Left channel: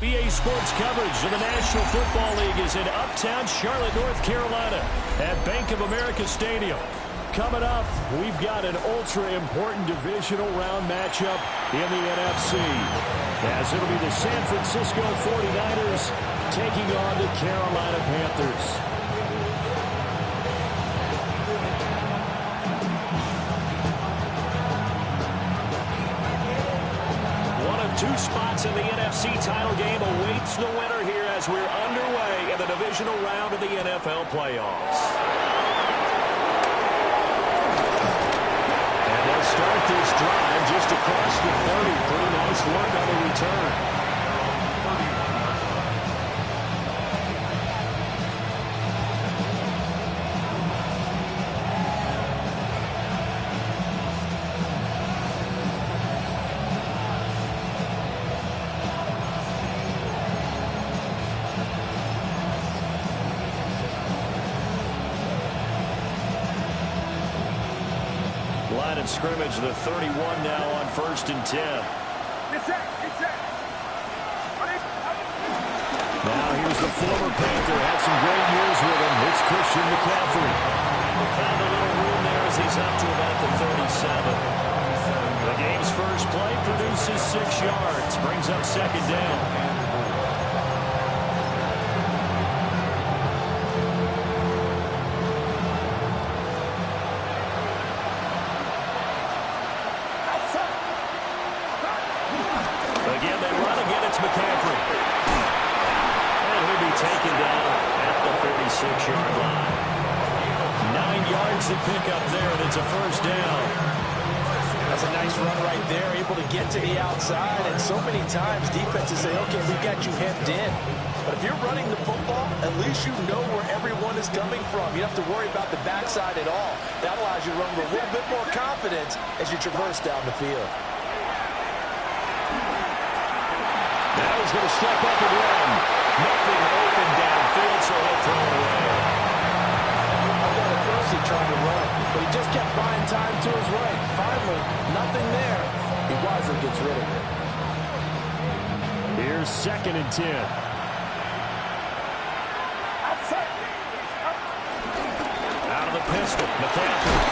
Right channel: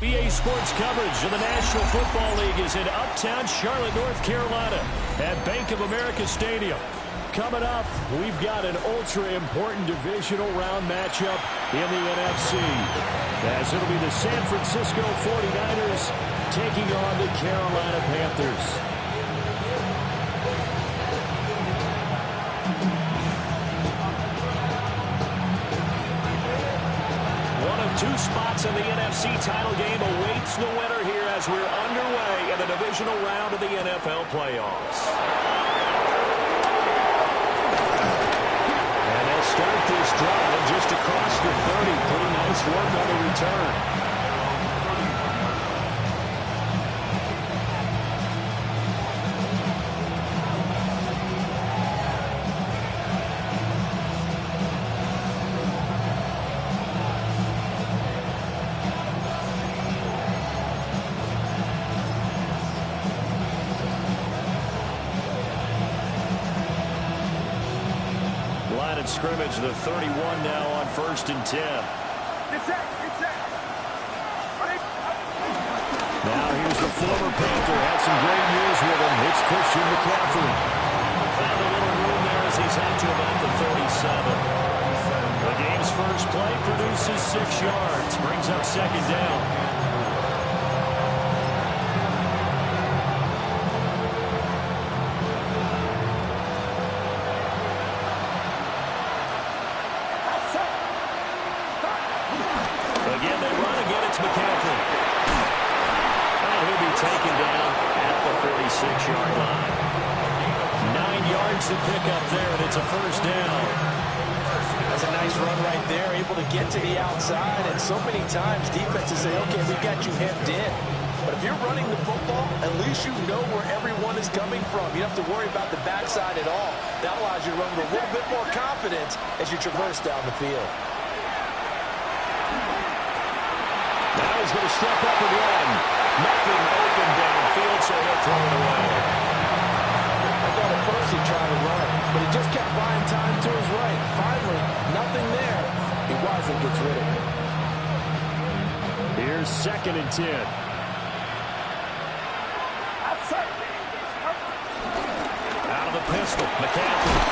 EA Sports coverage of the National Football League is in uptown Charlotte, North Carolina at Bank of America Stadium. Coming up, we've got an ultra-important divisional round matchup in the NFC, as it'll be the San Francisco 49ers taking on the Carolina Panthers. One of two spots in the NFC title game awaits the winner here as we're underway in the divisional round of the NFL playoffs. And they'll start this drive just across the 30. Pretty nice work on the return. Line of scrimmage, the 31 now on 1st and 10. Now here's the former Panther. Had some great years with him. It's Christian McCaffrey. Found a little room there as he's up to about the 37. The game's first play produces 6 yards. Brings up 2nd down. Again, they run. Again, it's McCaffrey. And he'll be taken down at the 46-yard line. 9 yards to pick up there, and it's a 1st down. That's a nice run right there, able to get to the outside. And so many times defenses say, okay, we got you hemmed in. But if you're running the football, at least you know where everyone is coming from. You don't have to worry about the backside at all. That allows you to run with a little bit more confidence as you traverse down the field. Now he's going to step up and run. Nothing open downfield, so he'll throw it away. I thought at first he tried to run, but he just kept buying time to his right. Finally, nothing there. He wisely gets rid of it. Here's 2nd and 10. Out of the pistol, McCaffrey.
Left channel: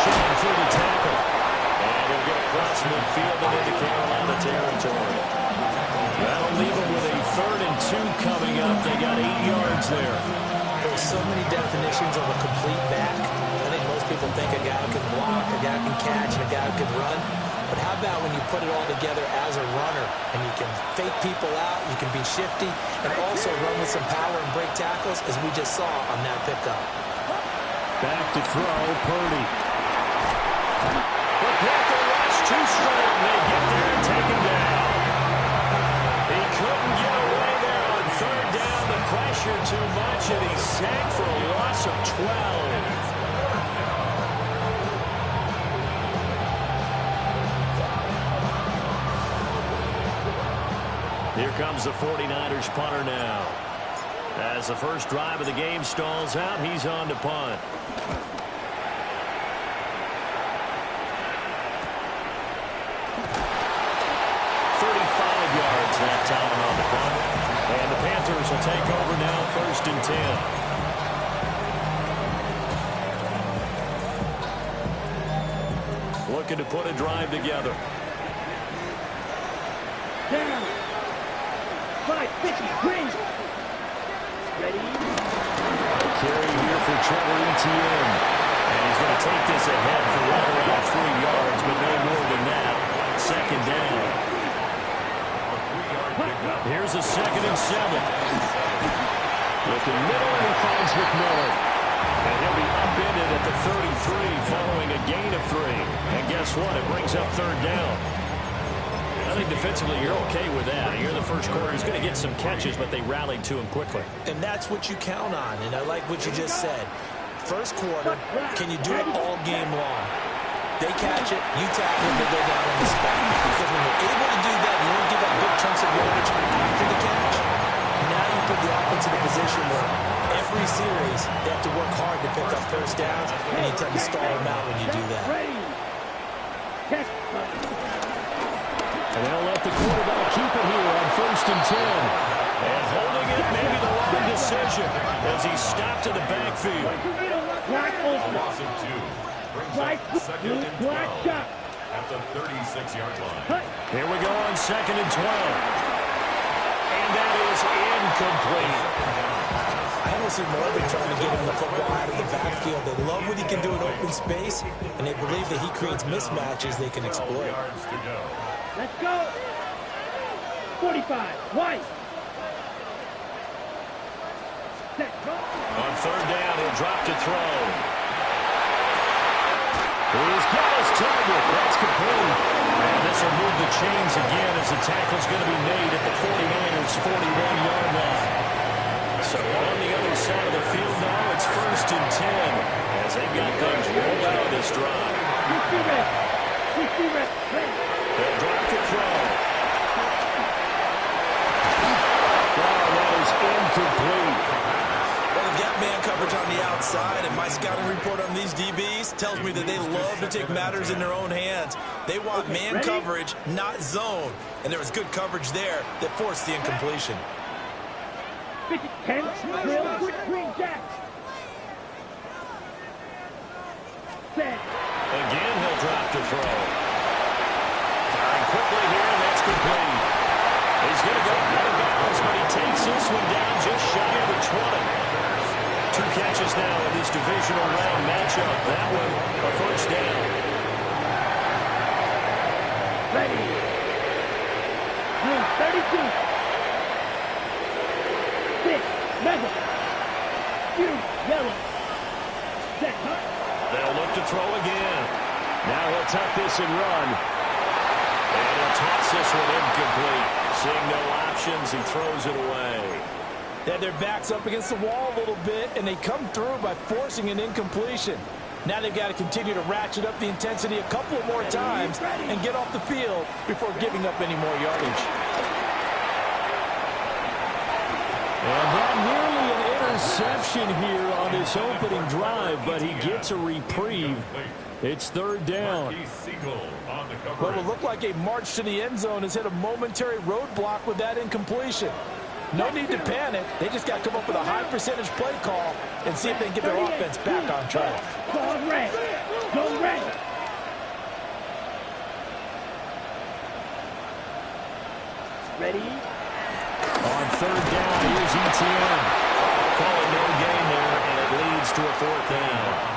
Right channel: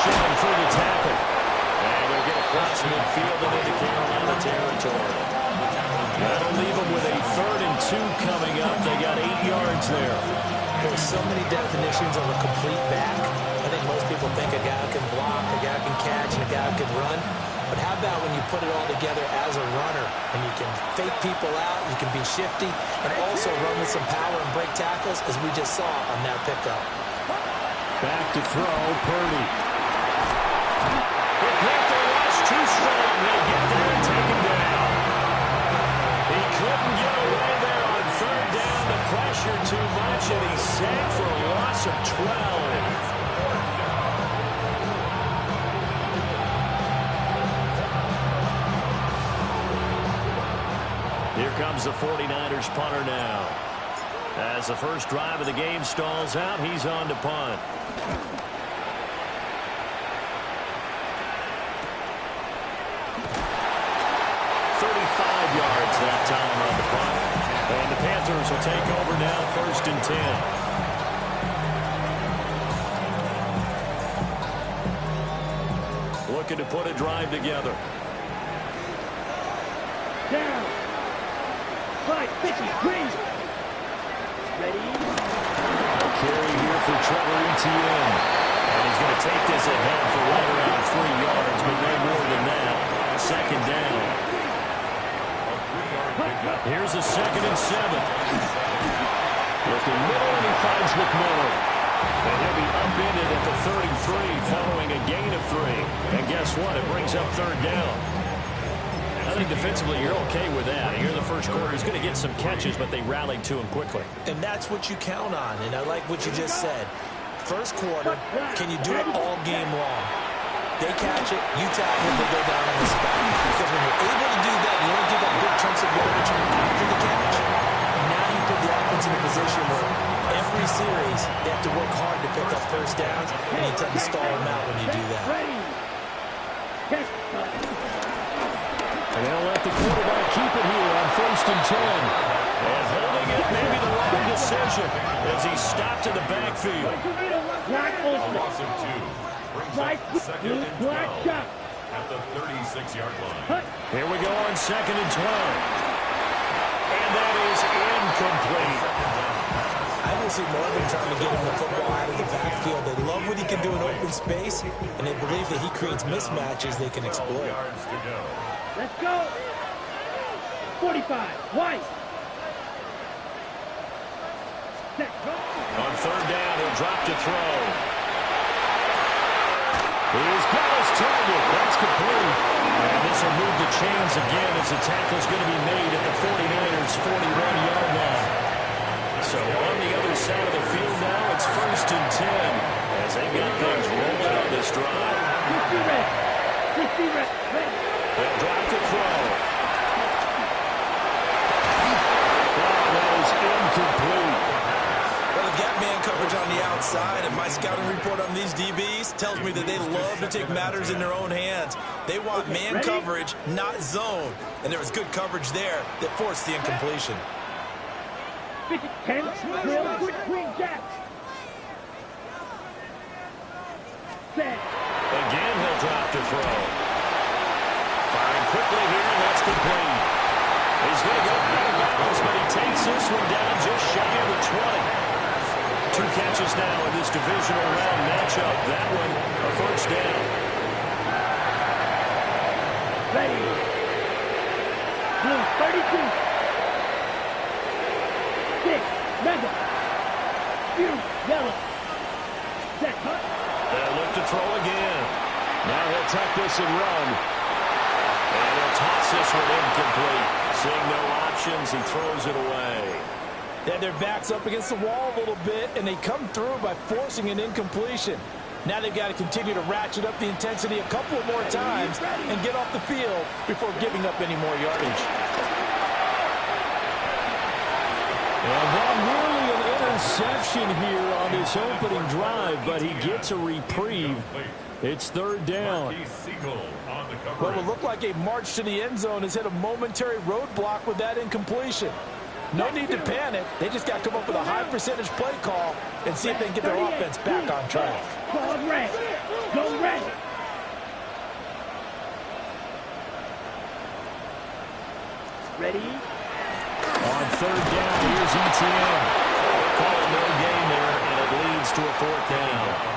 Shoving through the tackle. And he'll get across midfield and into Carolina territory. That'll leave them with a 3rd and 2 coming up. They got 8 yards there. There's so many definitions of a complete back. I think most people think a guy who can block, a guy who can catch, and a guy who can run. But how about when you put it all together as a runner, and you can fake people out, you can be shifty, and also run with some power and break tackles, as we just saw on that pickup. Back to throw, Purdy. The Panther rush too strong. They get there and take him down. He couldn't get away there on 3rd down. The pressure too much, and he's sacked for a loss of 12. Here comes the 49ers punter now. As the first drive of the game stalls out, he's on to punt. Yards that time on the punt. And the Panthers will take over now, 1st and 10. Looking to put a drive together. Down. 5, 50, green. Ready? A carry here for Trevor Etienne. And he's going to take this ahead for right around 3 yards, but no more than that. 2nd down. Here's a 2nd and 7. Looking middle, and he finds McMillan. And he'll be upended at the 33 following a gain of 3. And guess what? It brings up 3rd down. I think defensively you're okay with that. Here in the first quarter, he's going to get some catches, but they rallied to him quickly. And that's what you count on. And I like what you just said. First quarter, can you do it all game long? They catch it, you tackle it, they go down on the spot. Because when you're able to do that, you don't give up big chunks of yardage after the catch. Now you put the offense in a position where every series they have to work hard to pick up 1st downs, and you tend to stall them out when you do that. And they'll let the quarterback keep it here on 1st and 10. And holding it, maybe the wrong decision as he stopped in the backfield. Loss of 2. Brings up 2nd and 12 at the 36-yard line. Here we go on 2nd and 12. And that is incomplete. I don't see more of them trying to get him the football out of the backfield. They love what he can do in open space, and they believe that he creates mismatches they can exploit. Let's go. 45. White. Set. Go. On 3rd down, he'll drop to throw. He's got his target. That's complete. And this will move the chains again as the tackle's going to be made at the 49ers' 41-yard line. So on the other side of the field now, it's 1st and 10 as they've got things rolling on this drive. 60 reps. 60 reps. Ready. They'll drop to throw. Oh, that is incomplete. Well, they've got man coverage on the outside, and my scouting report on these DBs tells me that they love to take matters in their own hands. They want man coverage, not zone. And there was good coverage there that forced the incompletion. 10. Drill. Quick swing jack. Set. Again, he'll drop to throw. Firing quickly here, and that's complete. He's going to go out of bounds, but he takes this one down just shy of the 20. 2 catches now in this divisional round matchup. That one, a 1st down. Ready. Blue, 32. 6. Mega. Blue, yellow. Set. Cut. They'll look to throw again. Now he'll tuck this and run. And he'll toss this one incomplete. Seeing no options, he throws it away. They had their backs up against the wall a little bit, and they come through by forcing an incompletion. Now they've got to continue to ratchet up the intensity a couple of more times and get off the field before giving up any more yardage. And that nearly an interception here on this opening drive, but he gets a reprieve. It's 3rd down. Well, it looked like a march to the end zone has hit a momentary roadblock with that incompletion. No need to panic. They just got to come up with a high percentage play call and see if they can get their offense back on track. Go red. Go red. Ready. On 3rd down, here's ETN. Call it no gain there, and it leads to a 4th down.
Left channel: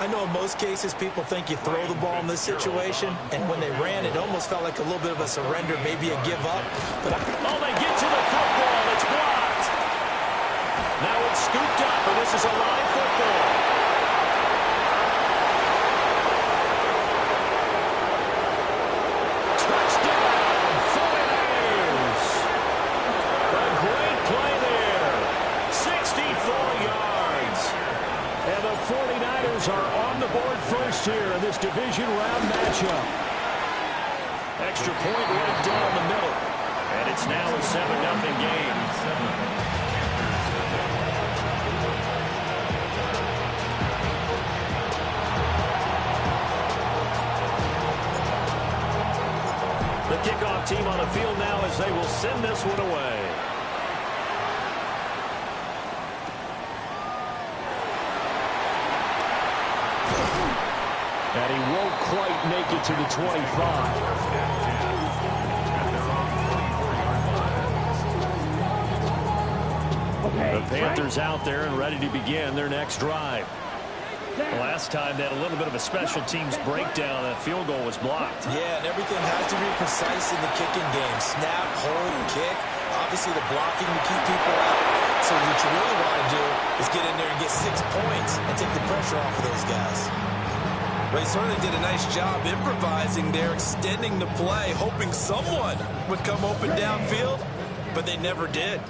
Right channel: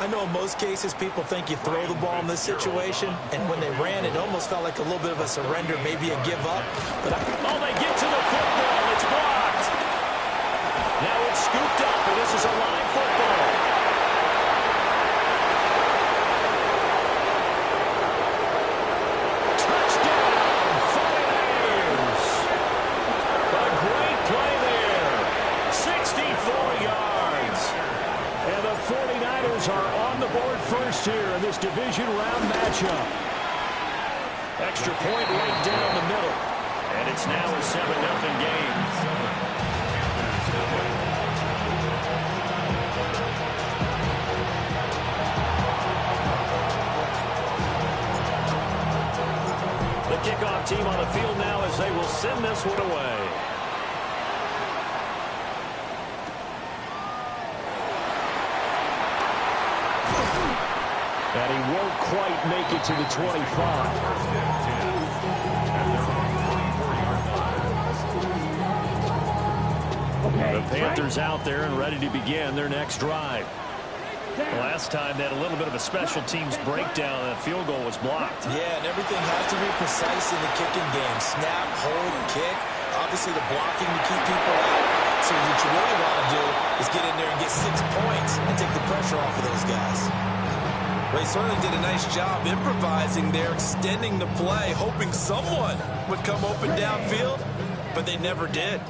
I know in most cases people think you throw the ball in this situation, and when they ran, it almost felt like a little bit of a surrender, maybe a give up. But oh, they get to the football. It's blocked. Now it's scooped up, and this is a live football. Touchdown, 49ers. A great play there. 64 yards. And the 49ers are on the board first here in this division round matchup. Extra point right down the middle. And it's now a 7-0 game. The kickoff team on the field now as they will send this one away. And he won't quite make it to the 25. The Panthers out there and ready to begin their next drive. Last time they had a little bit of a special teams breakdown. That field goal was blocked. Yeah, and everything has to be precise in the kicking game. Snap, hold, kick. Obviously the blocking to keep people out. So what you really want to do is get in there and get 6 points and take the pressure off of those guys. Ray certainly did a nice job improvising there, extending the play, hoping someone would come open downfield, but they never did.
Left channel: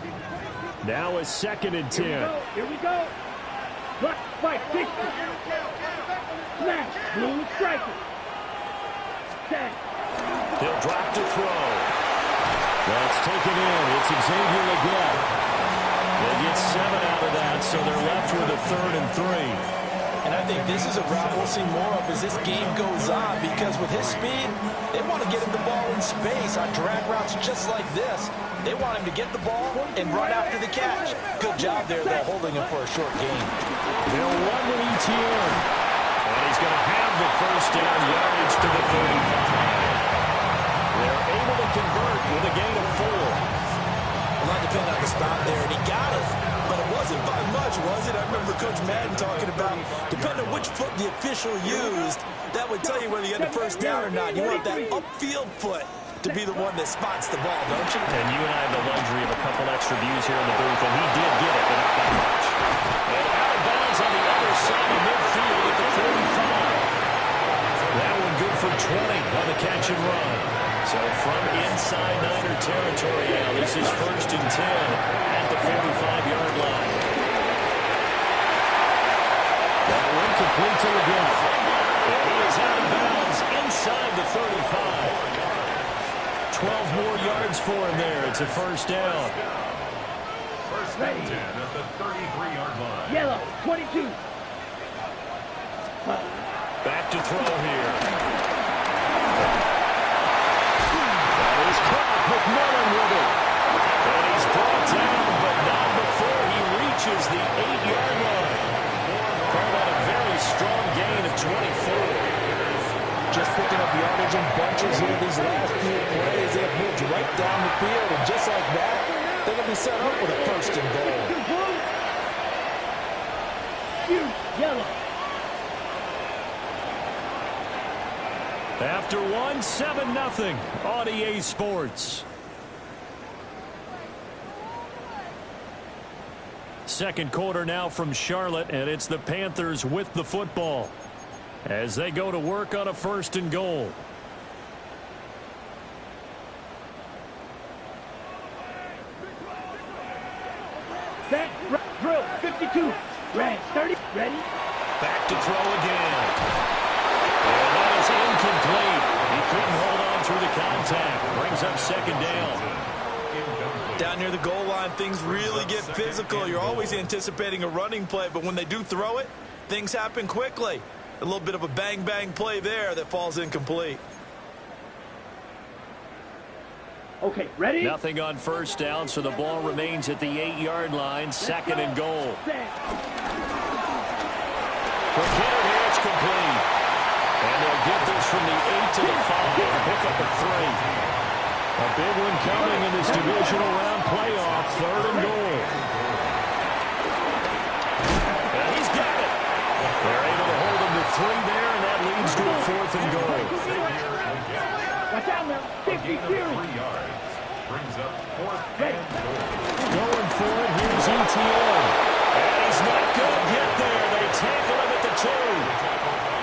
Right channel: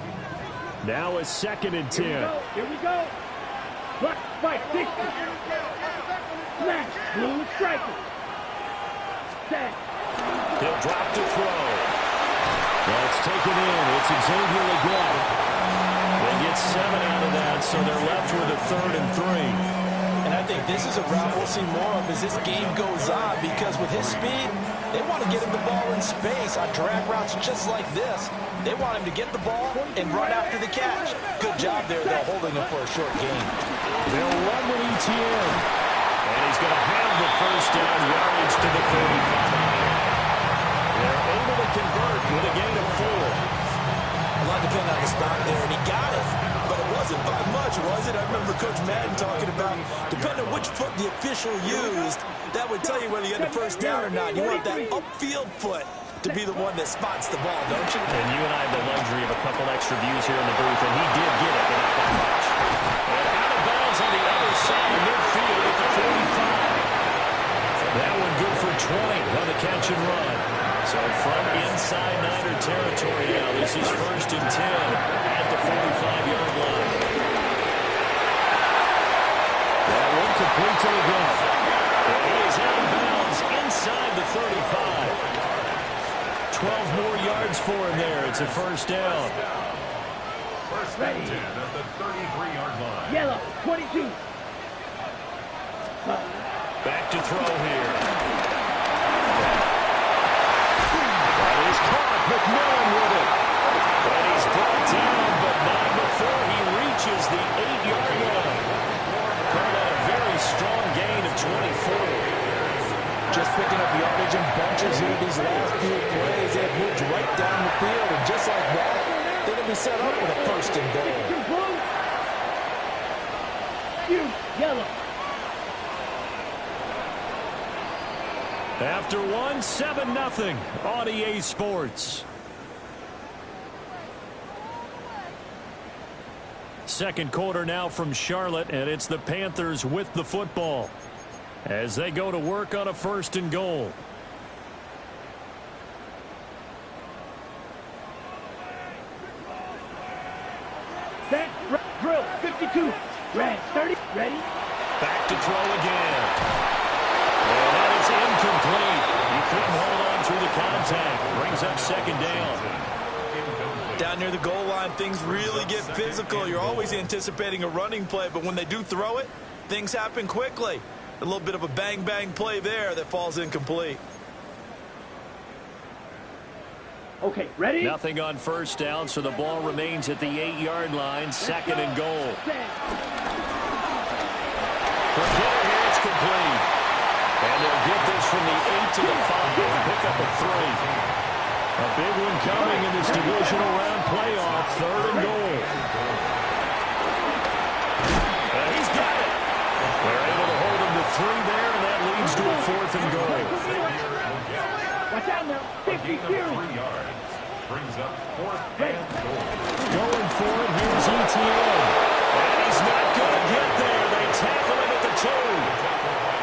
Now it's 2nd and 10. Here we go. Block, fight, 60. Smash, blue striker. Set. He'll drop to throw. That's taken in. It's Xavier Legette. They get 7 out of that, so they're left with a 3rd and 3. And I think this is a route we'll see more of as this game goes on, because with his speed, They want to get him the ball in space on drag routes just like this. They want him to get the ball and run after the catch. Good job there, though, holding him for a short gain. They'll run with ETN. And he's going to have the first down, yardage to the 35. They're able to convert with a gain of 4. A lot depended on the stop there, and he got it. But it wasn't by much, was it? I remember Coach Madden talking about, depending on which foot the official used, that would tell you whether you had the first down or not. You want that upfield foot to be the one that spots the ball, don't you? And you and I have the luxury of a couple extra views here in the booth, and he did get it, but not by much. And out of bounds on the other side of midfield at the 45. That one good for 20 on the catch and run. So from inside Niner territory now, this is 1st and 10 at the 45-yard line. That one complete to Leggett. He is out of bounds inside the 35. 12 more yards for him there. It's a first down. 1st and 10 at the 33-yard line. Yellow, 22. Back to throw here. That is caught. McMillan with it. And he's brought down, but not before he reaches the 8-yard line. Call that a very strong gain of 24. Just picking up yardage in bunches here these last few plays. They have moved right down the field, and just like that, they're going to be set up with a 1st and goal. Yellow. After 1, 7-0 on EA Sports. Second quarter now from Charlotte, and it's the Panthers with the football as they go to work on a 1st and goal. Set, drill, 52. Red, 30, ready. Back to throw again. And that is incomplete. He couldn't hold on through the contact. Brings up 2nd down. Down near the goal line, things really get physical. You're always anticipating a running play, but when they do throw it, things happen quickly. A little bit of a bang-bang play there that falls incomplete. Okay, ready? Nothing on 1st down, so the ball remains at the 8-yard line. 2nd and goal. For Kidder here, it's complete. And they'll get this from the 8 to the 5 and pick up a 3. A big one coming in this divisional round playoff. 3rd and goal. And he's got it. They're able to hold him to 3 there, and that leads to a 4th and goal. Watch out now. 50 3 yards. Brings up 4th and goal. Going for it, here's ETN. And he's not going to get there. They tackle him at the 2.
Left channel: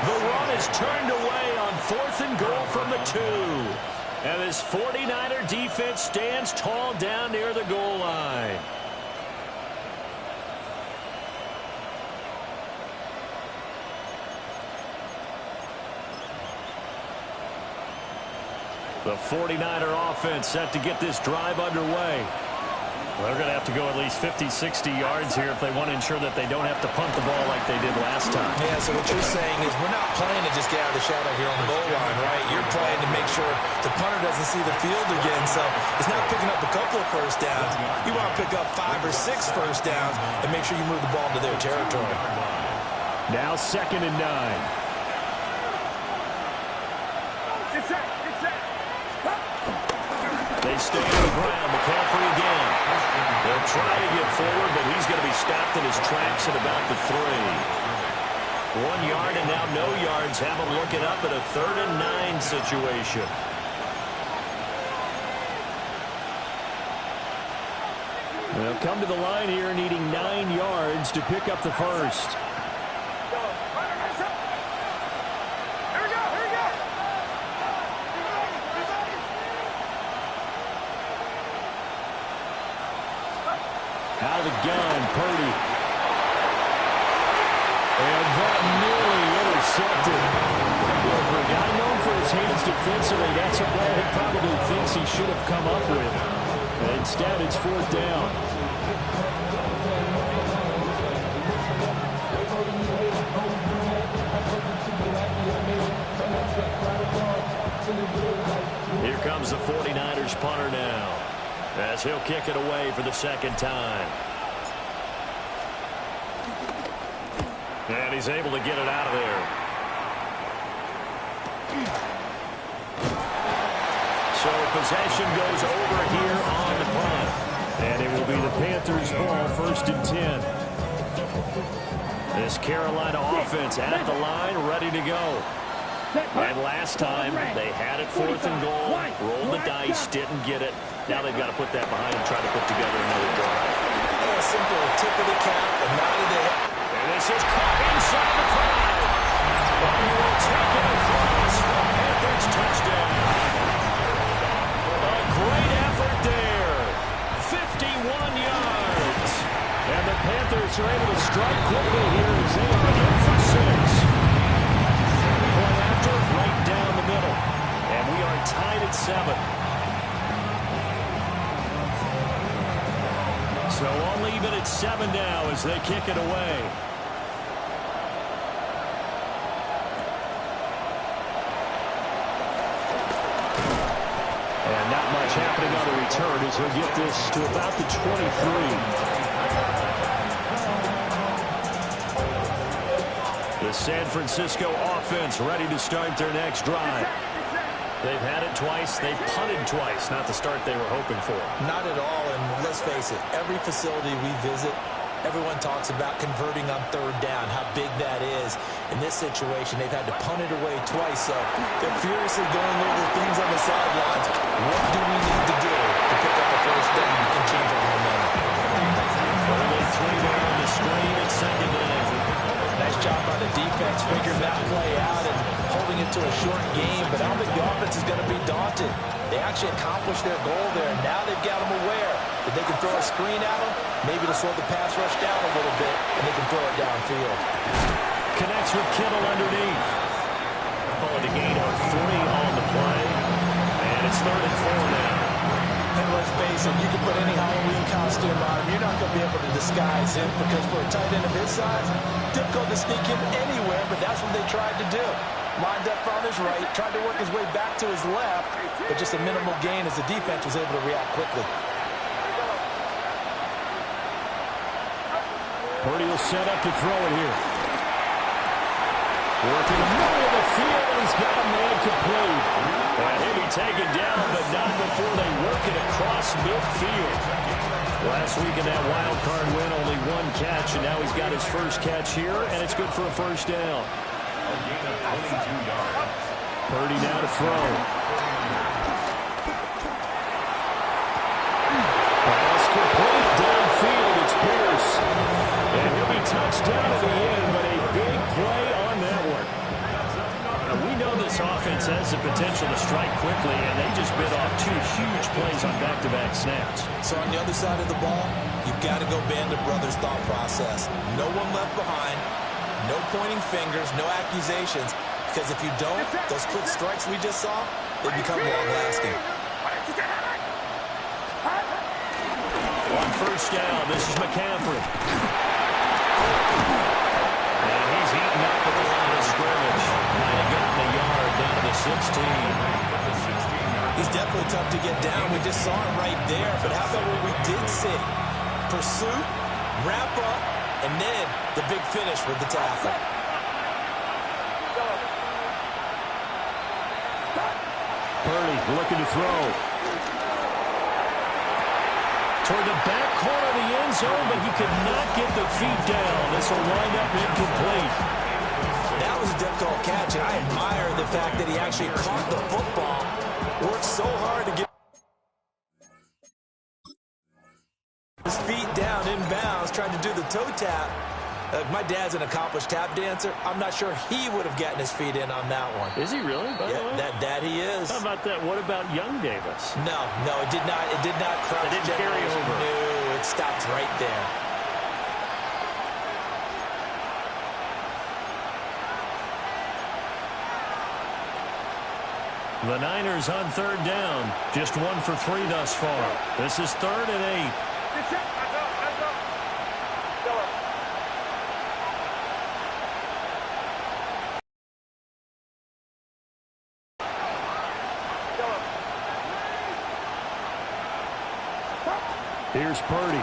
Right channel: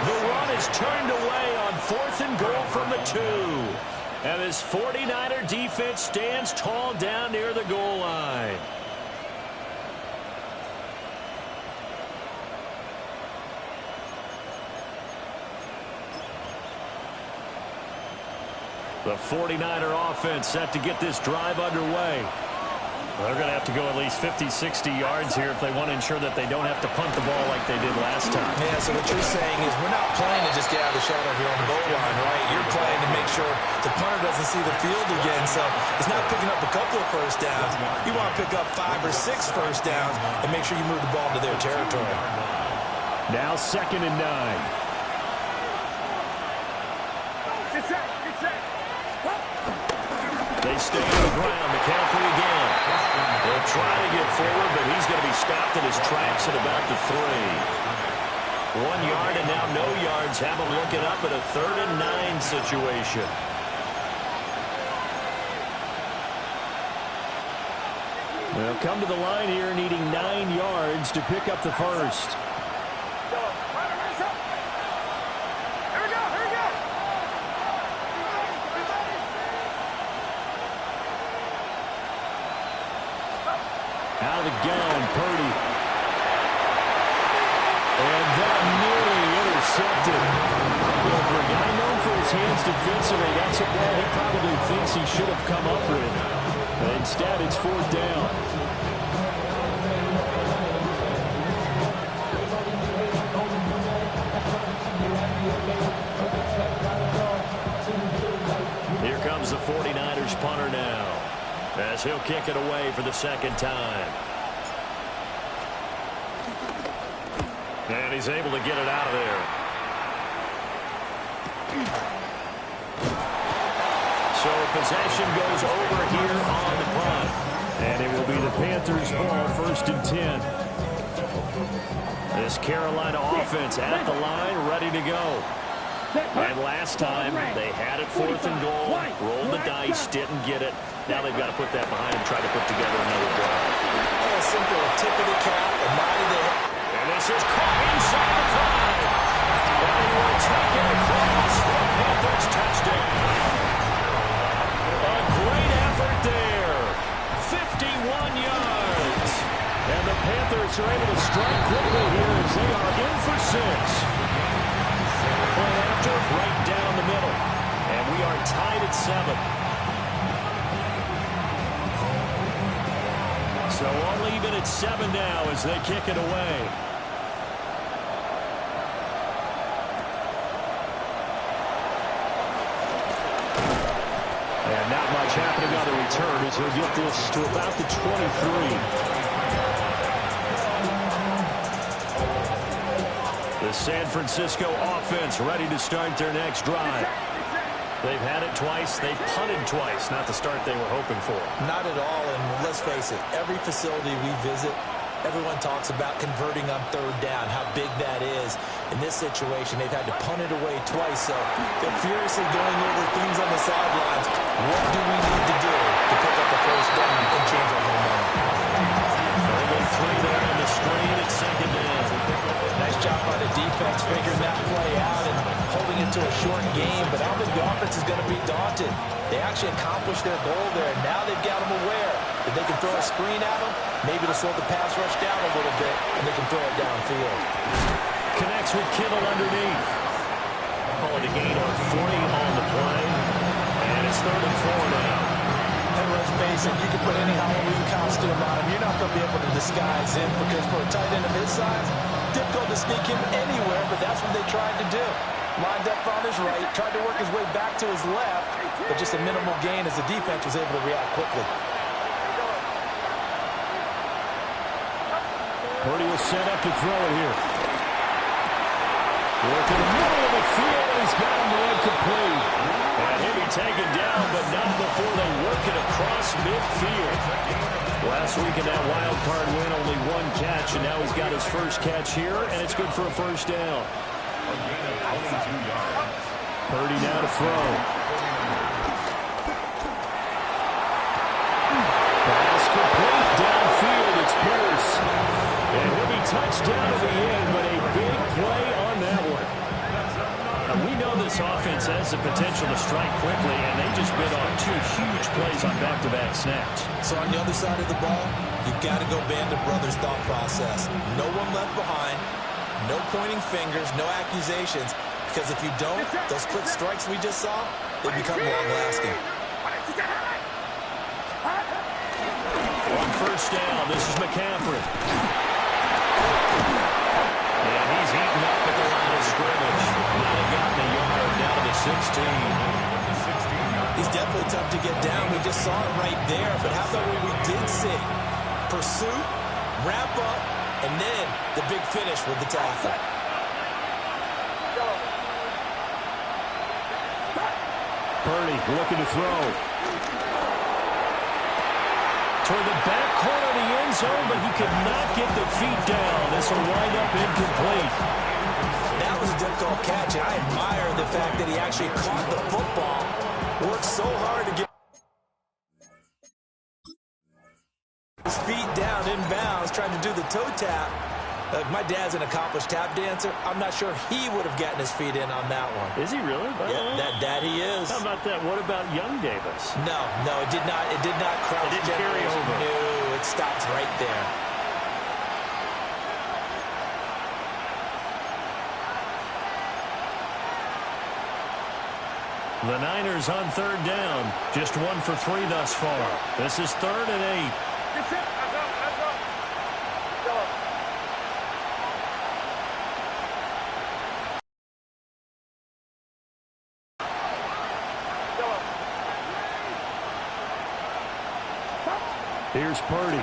The run is turned away on 4th and goal from the 2. And this 49er defense stands tall down near the goal line. The 49er offense set to get this drive underway. They're going to have to go at least 50, 60 yards here if they want to ensure that they don't have to punt the ball like they did last time. Yeah, so what you're saying is we're not playing to just get out of the shadow here on the goal line, right? You're playing to make sure the punter doesn't see the field again. So it's not picking up a couple of first downs. You want to pick up 5 or 6 first downs and make sure you move the ball into their territory. Now 2nd and 9. They stay on the ground. McCaffrey again. They'll try to get forward, but he's going to be stopped in his tracks at about the 3. 1 yard and now no yards. Have him looking up at a 3rd and 9 situation. They'll come to the line here needing 9 yards to pick up the first. Out of the gun, Purdy. And that nearly intercepted. You know, for a guy known for his hands defensively, that's a ball he probably thinks he should have come up with. Instead, it's 4th down. comes the 49ers punter now, as he'll kick it away for the second time. And he's able to get it out of there. So possession goes over here on the punt. And it will be the Panthers' ball, 1st and 10. This Carolina offense at the line, ready to go. And last time, they had it 4th and goal, rolled the dice, didn't get it. Now they've got to put that behind and try to put together another drive. A simple tip of the cap, a nod of the head. And this is caught inside the 5. And he will take it across for a Panthers touchdown. A great effort there. 51 yards. And the Panthers are able to strike quickly here as they are in for 6. Point after, right down the middle. And we are tied at 7. So all even at 7 now as they kick it away. And not much happening on the return as he'll get this to about the 23. The San Francisco offense ready to start their next drive. They've had it twice. They've punted twice. Not the start they were hoping for. Not at all, and let's face it, every facility we visit, everyone talks about converting on 3rd down, how big that is. In this situation, they've had to punt it away twice, so they're furiously going over things on the sidelines. What do we need to do to pick up a 1st down and change our momentum? Only 3 there on the screen at 2nd down. Nice job by the defense figuring that play out and holding it to a short game, but I don't think the offense is going to be daunted. They actually accomplished their goal there. Now they've got them aware that they can throw a screen at them, maybe to slow the pass rush down a little bit, and they can throw it downfield. Connects with Kittle underneath. Calling a gain of 3 on the play, and it's 3rd and 4 now. And let's face it, you can put any Halloween costume on him. You're not going to be able to disguise him because for a tight end of his size, difficult to sneak him anywhere, but that's what they tried to do. Lined up on his right, tried to work his way back to his left, but just a minimal gain as the defense was able to react quickly. Purdy will set up to throw it here. Working the middle of the field, and he's got him there complete. And he'll be taken down, but not before they work it across midfield. Last week in that wild card win, only 1 catch, and now he's got his first catch here, and it's good for a 1st down. A gain of 22 yards. Purdy now to throw. Pass complete downfield. It's Pierce. And he'll be touched down at the end, but a big play on that one. Now, we know this offense has the potential to strike quickly, and they just bit off 2 huge plays on back-to-back snaps. So on the other side of the ball, you've got to go Band of Brothers thought process. No one left behind, no pointing fingers, no accusations, because if you don't, those quick strikes we just saw, they become long-lasting. On 1st down, this is McCaffrey. And he's eaten up at the line of scrimmage. Might have gotten a yard down to the 16. He's definitely tough to get down. We just saw him right there. But how about what we did see? Pursuit, wrap up, and then the big finish with the tackle. Purdy looking to throw. Toward the back corner of the end zone, but he could not get the feet down. This will wind up incomplete. That was a difficult catch, and I admire the fact that he actually caught the football. Worked so hard to get his feet down inbounds, trying to do the toe tap. My dad's an accomplished tap dancer. I'm not sure he would have gotten his feet in on that one. Is he really? Yeah, that he is. How about that? What about young Davis? No, it did not. It did not cross. It didn't carry over. No, it stops right there. The Niners on 3rd down. Just 1 for 3 thus far. This is 3rd and 8. Here's Purdy.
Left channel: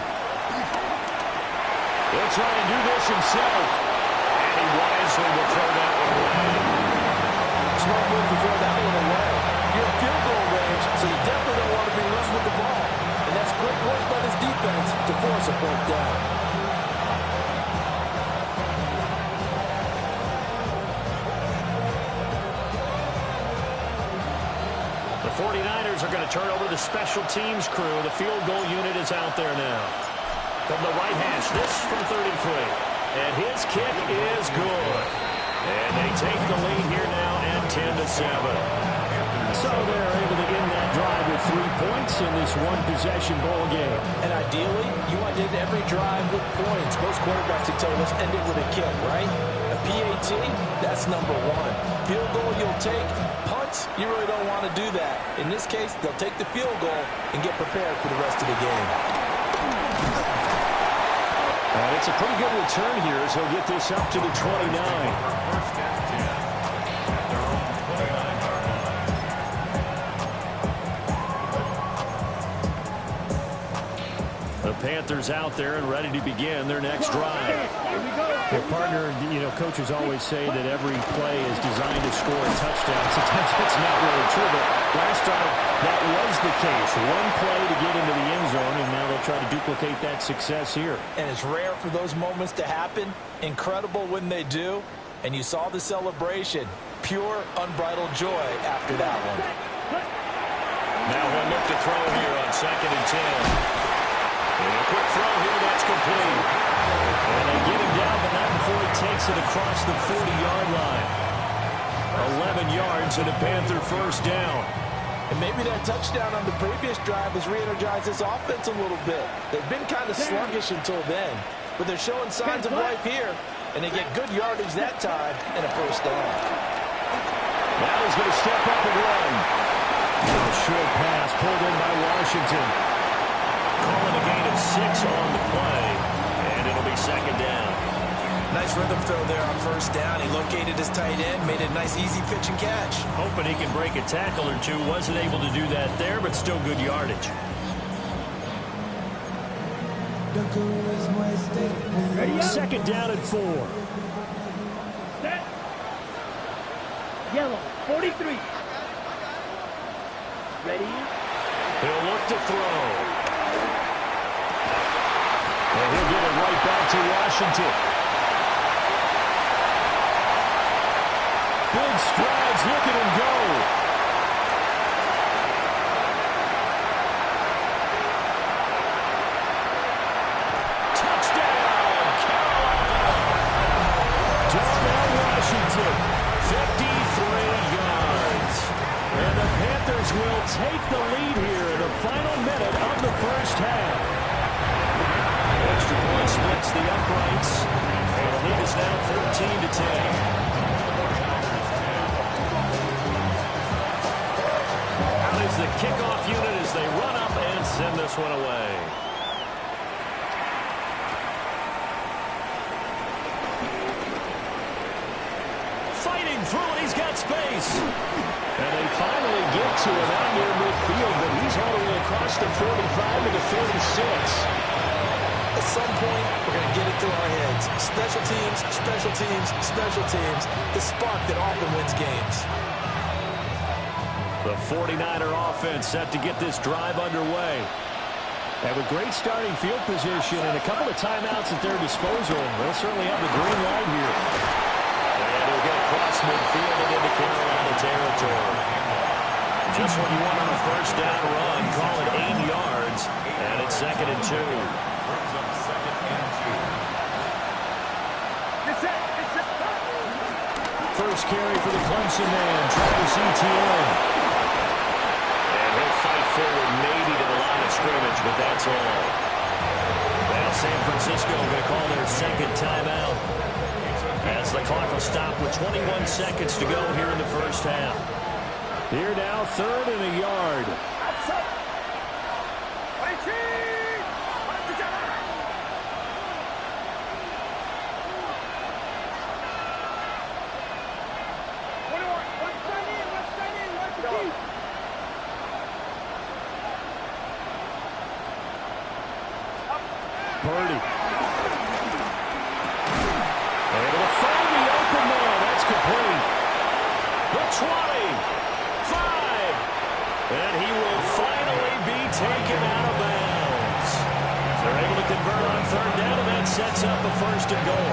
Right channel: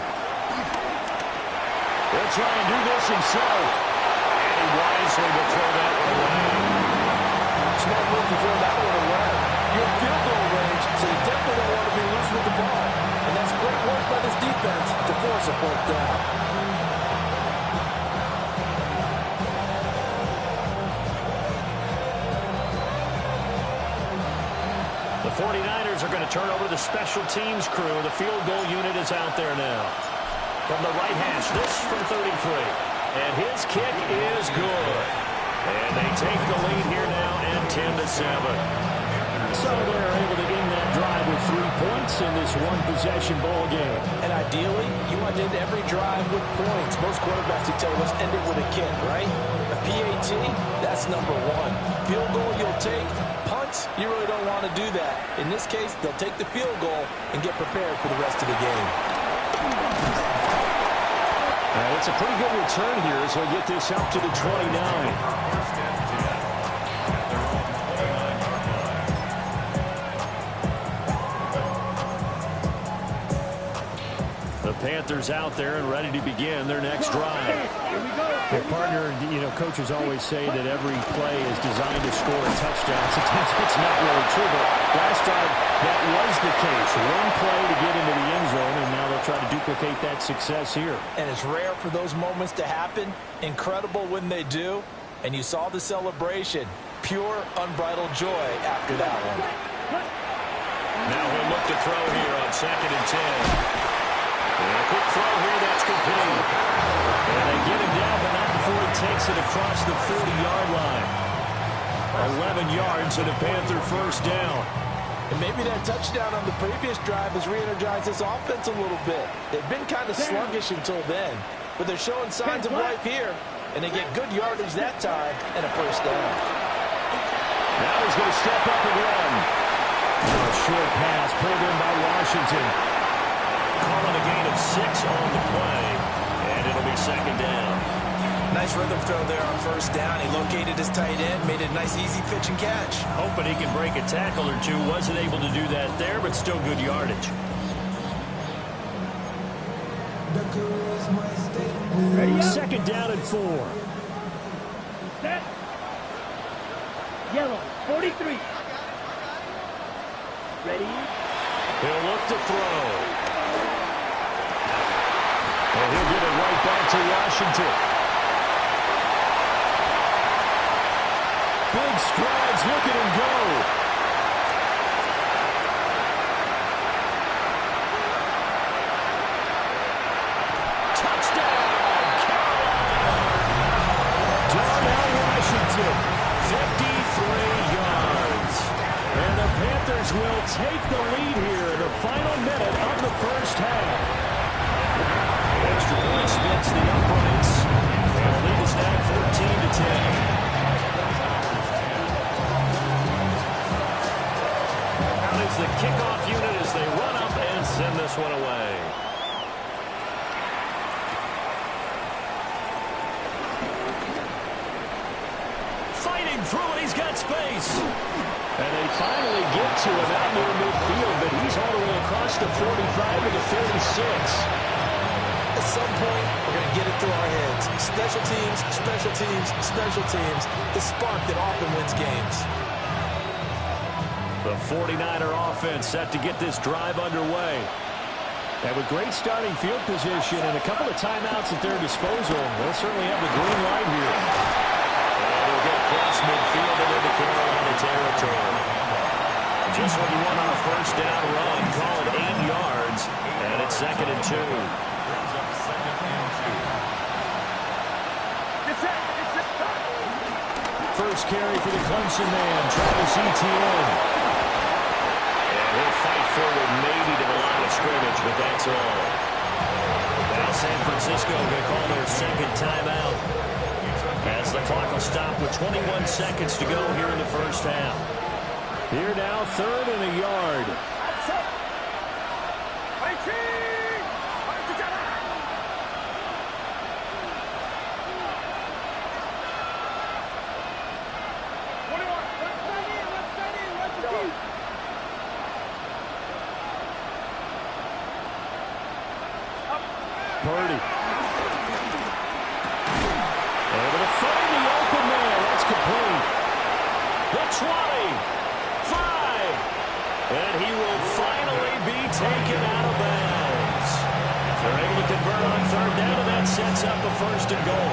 He'll try and do this himself. And he wisely will throw that one away. Smart move to throw that one away. You're in field goal range, so you definitely don't want to be loose with the ball. And that's great work by this defense to force a fourth down. The 49ers are going to turn over to the special teams crew. The field goal unit is out there now. From the right hash, this from 33. And his kick is good. And they take the lead here now at 10-7. So they're able to end that drive with 3 points in this one-possession ball game. And ideally, you want to end every drive with points. Most quarterbacks would tell you, let's end it with a kick, right? A PAT, that's number one. Field goal you'll take. Punts, you really don't want to do that. In this case, they'll take the field goal and get prepared for the rest of the game. And it's a pretty good return here as he'll get this up to the 29. First and 10 at their own 29-yard line. The Panthers out there and ready to begin their next drive. Here we go. Their partner, coaches always say that every play is designed to score a touchdown. Sometimes it's not really true, but last drive, that was the case. One play to get into the end zone, and now they'll try to duplicate that success here. And it's rare for those moments to happen. Incredible when they do. And you saw the celebration. Pure, unbridled joy after that one. Now he'll look to throw here on 2nd and 10. And a quick throw here, that's complete. And they get him down, but not before he takes it across the 40-yard line. 11 yards and a Panther first down. And maybe that touchdown on the previous drive has re-energized this offense a little bit. They've been kind of sluggish until then, but they're showing signs of life here, and they get good yardage that time and a first down. Now he's going to step up and run. Now a short pass pulled in by Washington. Calling a gain of 6 on the play, and it'll be 2nd down. Nice rhythm throw there on first down. He located his tight end, made it a nice easy pitch and catch. Hoping he can break a tackle or two. Wasn't able to do that there, but still good yardage. Ready up. 2nd down and 4. Set. Yellow, 43. Ready? He'll look to throw. And he'll get it right back to Washington. Big strides. Look at him go. Touchdown, Carolina. Darnell Washington, 53 yards. And the Panthers will take the lead here in the final minute of the first half. Extra point splits the uprights, and the lead is now 14-10. Out is the kickoff unit as they run up and send this one away. Fighting through it, he's got space. And they finally get to him out near midfield, but he's all the way across the 45 to the 46. At some point, we're going to get it through our heads. Special teams, special teams, special teams. The spark that often wins games. The 49er offense set to get this drive underway. And with great starting field position and a couple of timeouts at their disposal, they'll certainly have the green light here. And he'll get across midfield and into Carolina territory. Just what you want on a first down run. Call it 8 yards. And it's 2nd and 2. Brings up 2nd and 2. First carry for the Clemson man, Travis Etienne. And he'll fight forward maybe to the line of scrimmage, but that's all. Now San Francisco going to call their 2nd timeout as the clock will stop with 21 seconds to go here in the first half. Here now, 3rd and a yard. Purdy. Able to find the open man. That's complete. The 20. 5. And he will finally be taken out of bounds. They're able to convert on third down, and that sets up a 1st and goal.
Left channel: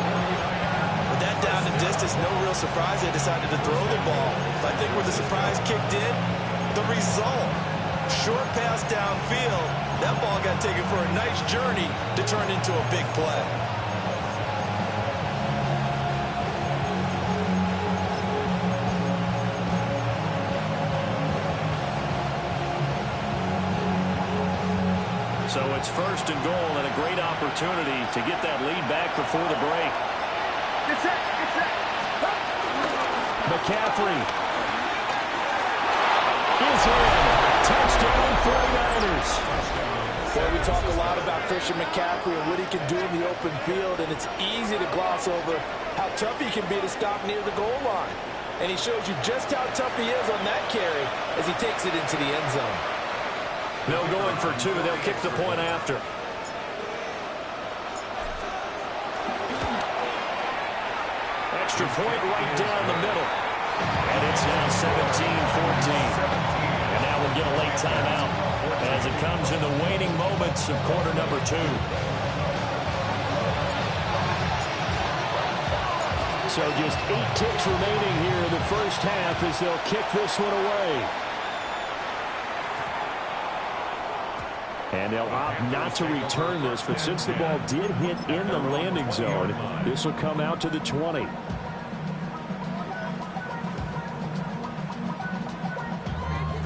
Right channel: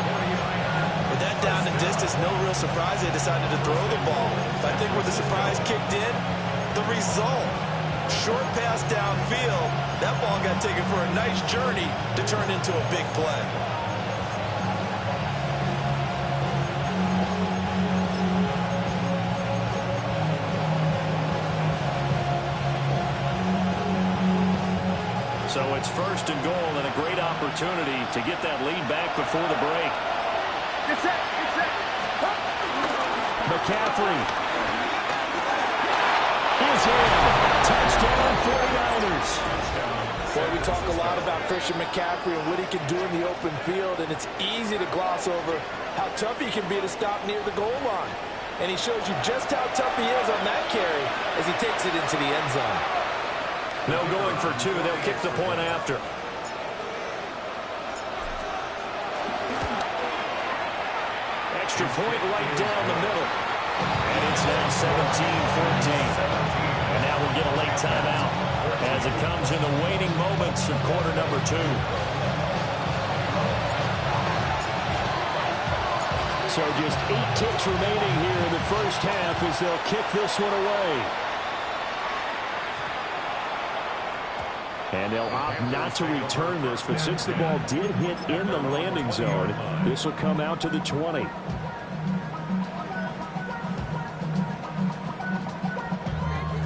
With that down and distance, no real surprise they decided to throw the ball. But I think where the surprise kicked in, the result. Short pass downfield. That ball got taken for a nice journey to turn into a big play. So it's 1st and goal and a great opportunity to get that lead back before the break. Get set. Get set. McCaffrey is in. Touchdown 49ers. Boy, we talk a lot about Christian McCaffrey and what he can do in the open field, and it's easy to gloss over how tough he can be to stop near the goal line. And he shows you just how tough he is on that carry as he takes it into the end zone. No going for 2. They'll kick the point after. Extra point right down the middle. And it's now 17-14. And now we'll get a late timeout as it comes in the waning moments of quarter number 2. So just 8 ticks remaining here in the first half as they'll kick this one away. And they'll opt not to return this, but since the ball did hit in the landing zone, this will come out to the 20.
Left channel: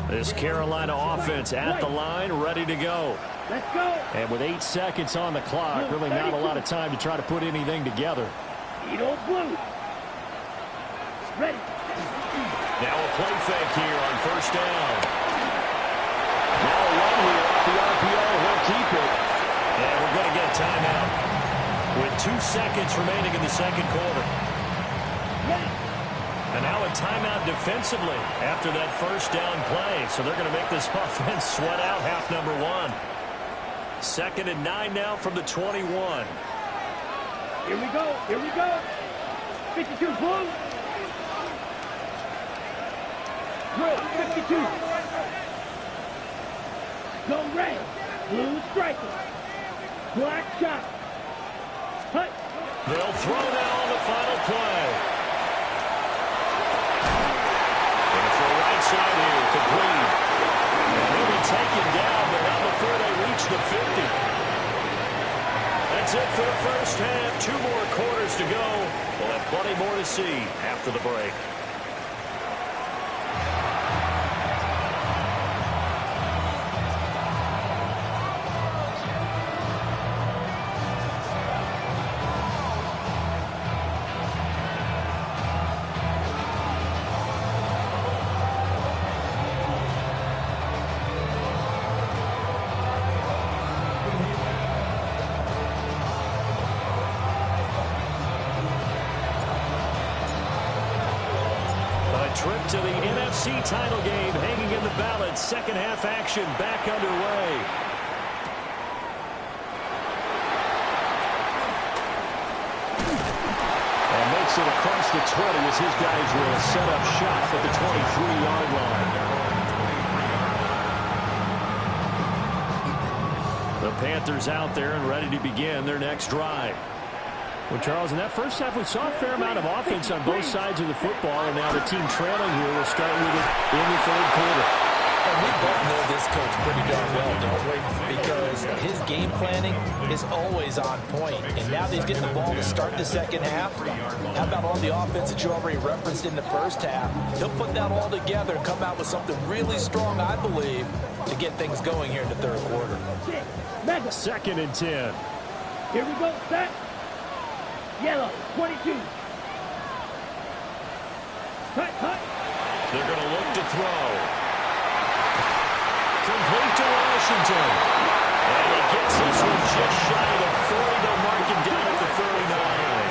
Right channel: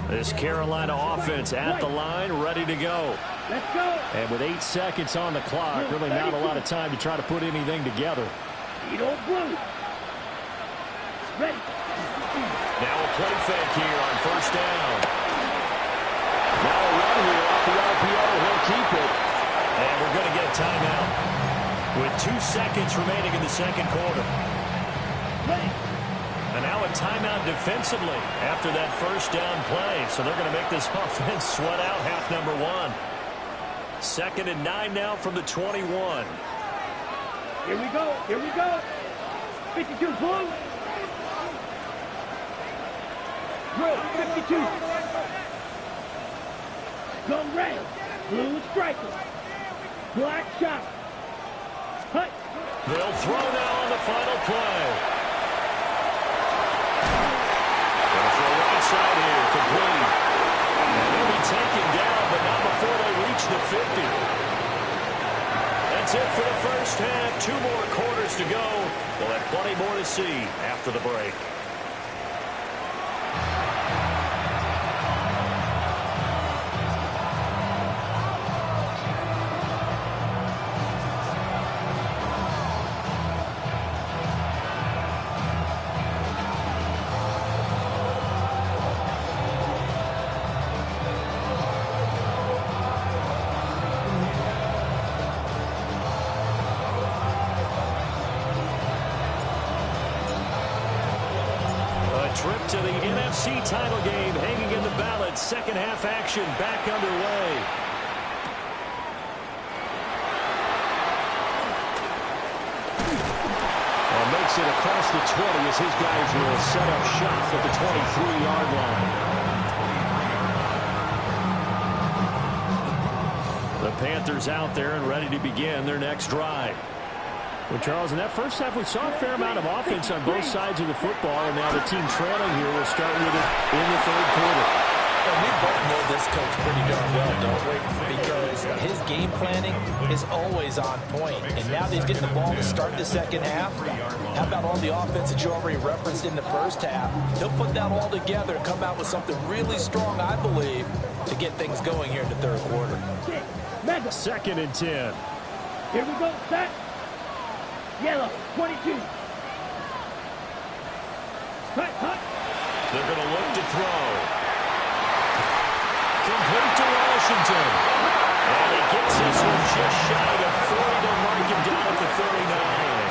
This Carolina offense at the line, ready to go. Let's go. And with 8 seconds on the clock, really not a lot of time to try to put anything together. Eat old blue. Ready. Now a play fake here on 1st down. Now a run here off the RPO. He'll keep it. And we're going to get a timeout with 2 seconds remaining in the second quarter. Ready. And now a timeout defensively after that 1st down play. So they're going to make this offense sweat out half number 1. 2nd and 9 now from the 21. Here we go. Here we go. 52 blue. Blue, 52. Go red. Blue striker. Black shot. Hut. They'll throw now on the final play. Going for a right side here, complete. And he'll be taken down, but not before they reach the 50. That's it for the first half. 2 more quarters to go. We'll have plenty more to see after the break. Trip to the NFC title game hanging in the balance. Second half action back underway. And makes it across the 20 as his guys will set up shop at the 23-yard line. The Panthers out there and ready to begin their next drive. Well, Charles, in that first half, we saw a fair amount of offense on both sides of the football, and now the team trailing here will start with it in the third quarter. And we both know this coach pretty darn well, don't we? Because his game planning is always on point. And now that he's getting the ball to start the second half, how about all the offense that you already referenced in the first half? He'll put that all together and come out with something really strong, I believe, to get things going here in the third quarter. 2nd and 10. Here we go. Set. Yellow, 22. Hut. They're going to look to throw. Complete to Washington. And he gets this one just shy of 40 to mark him down at the 39.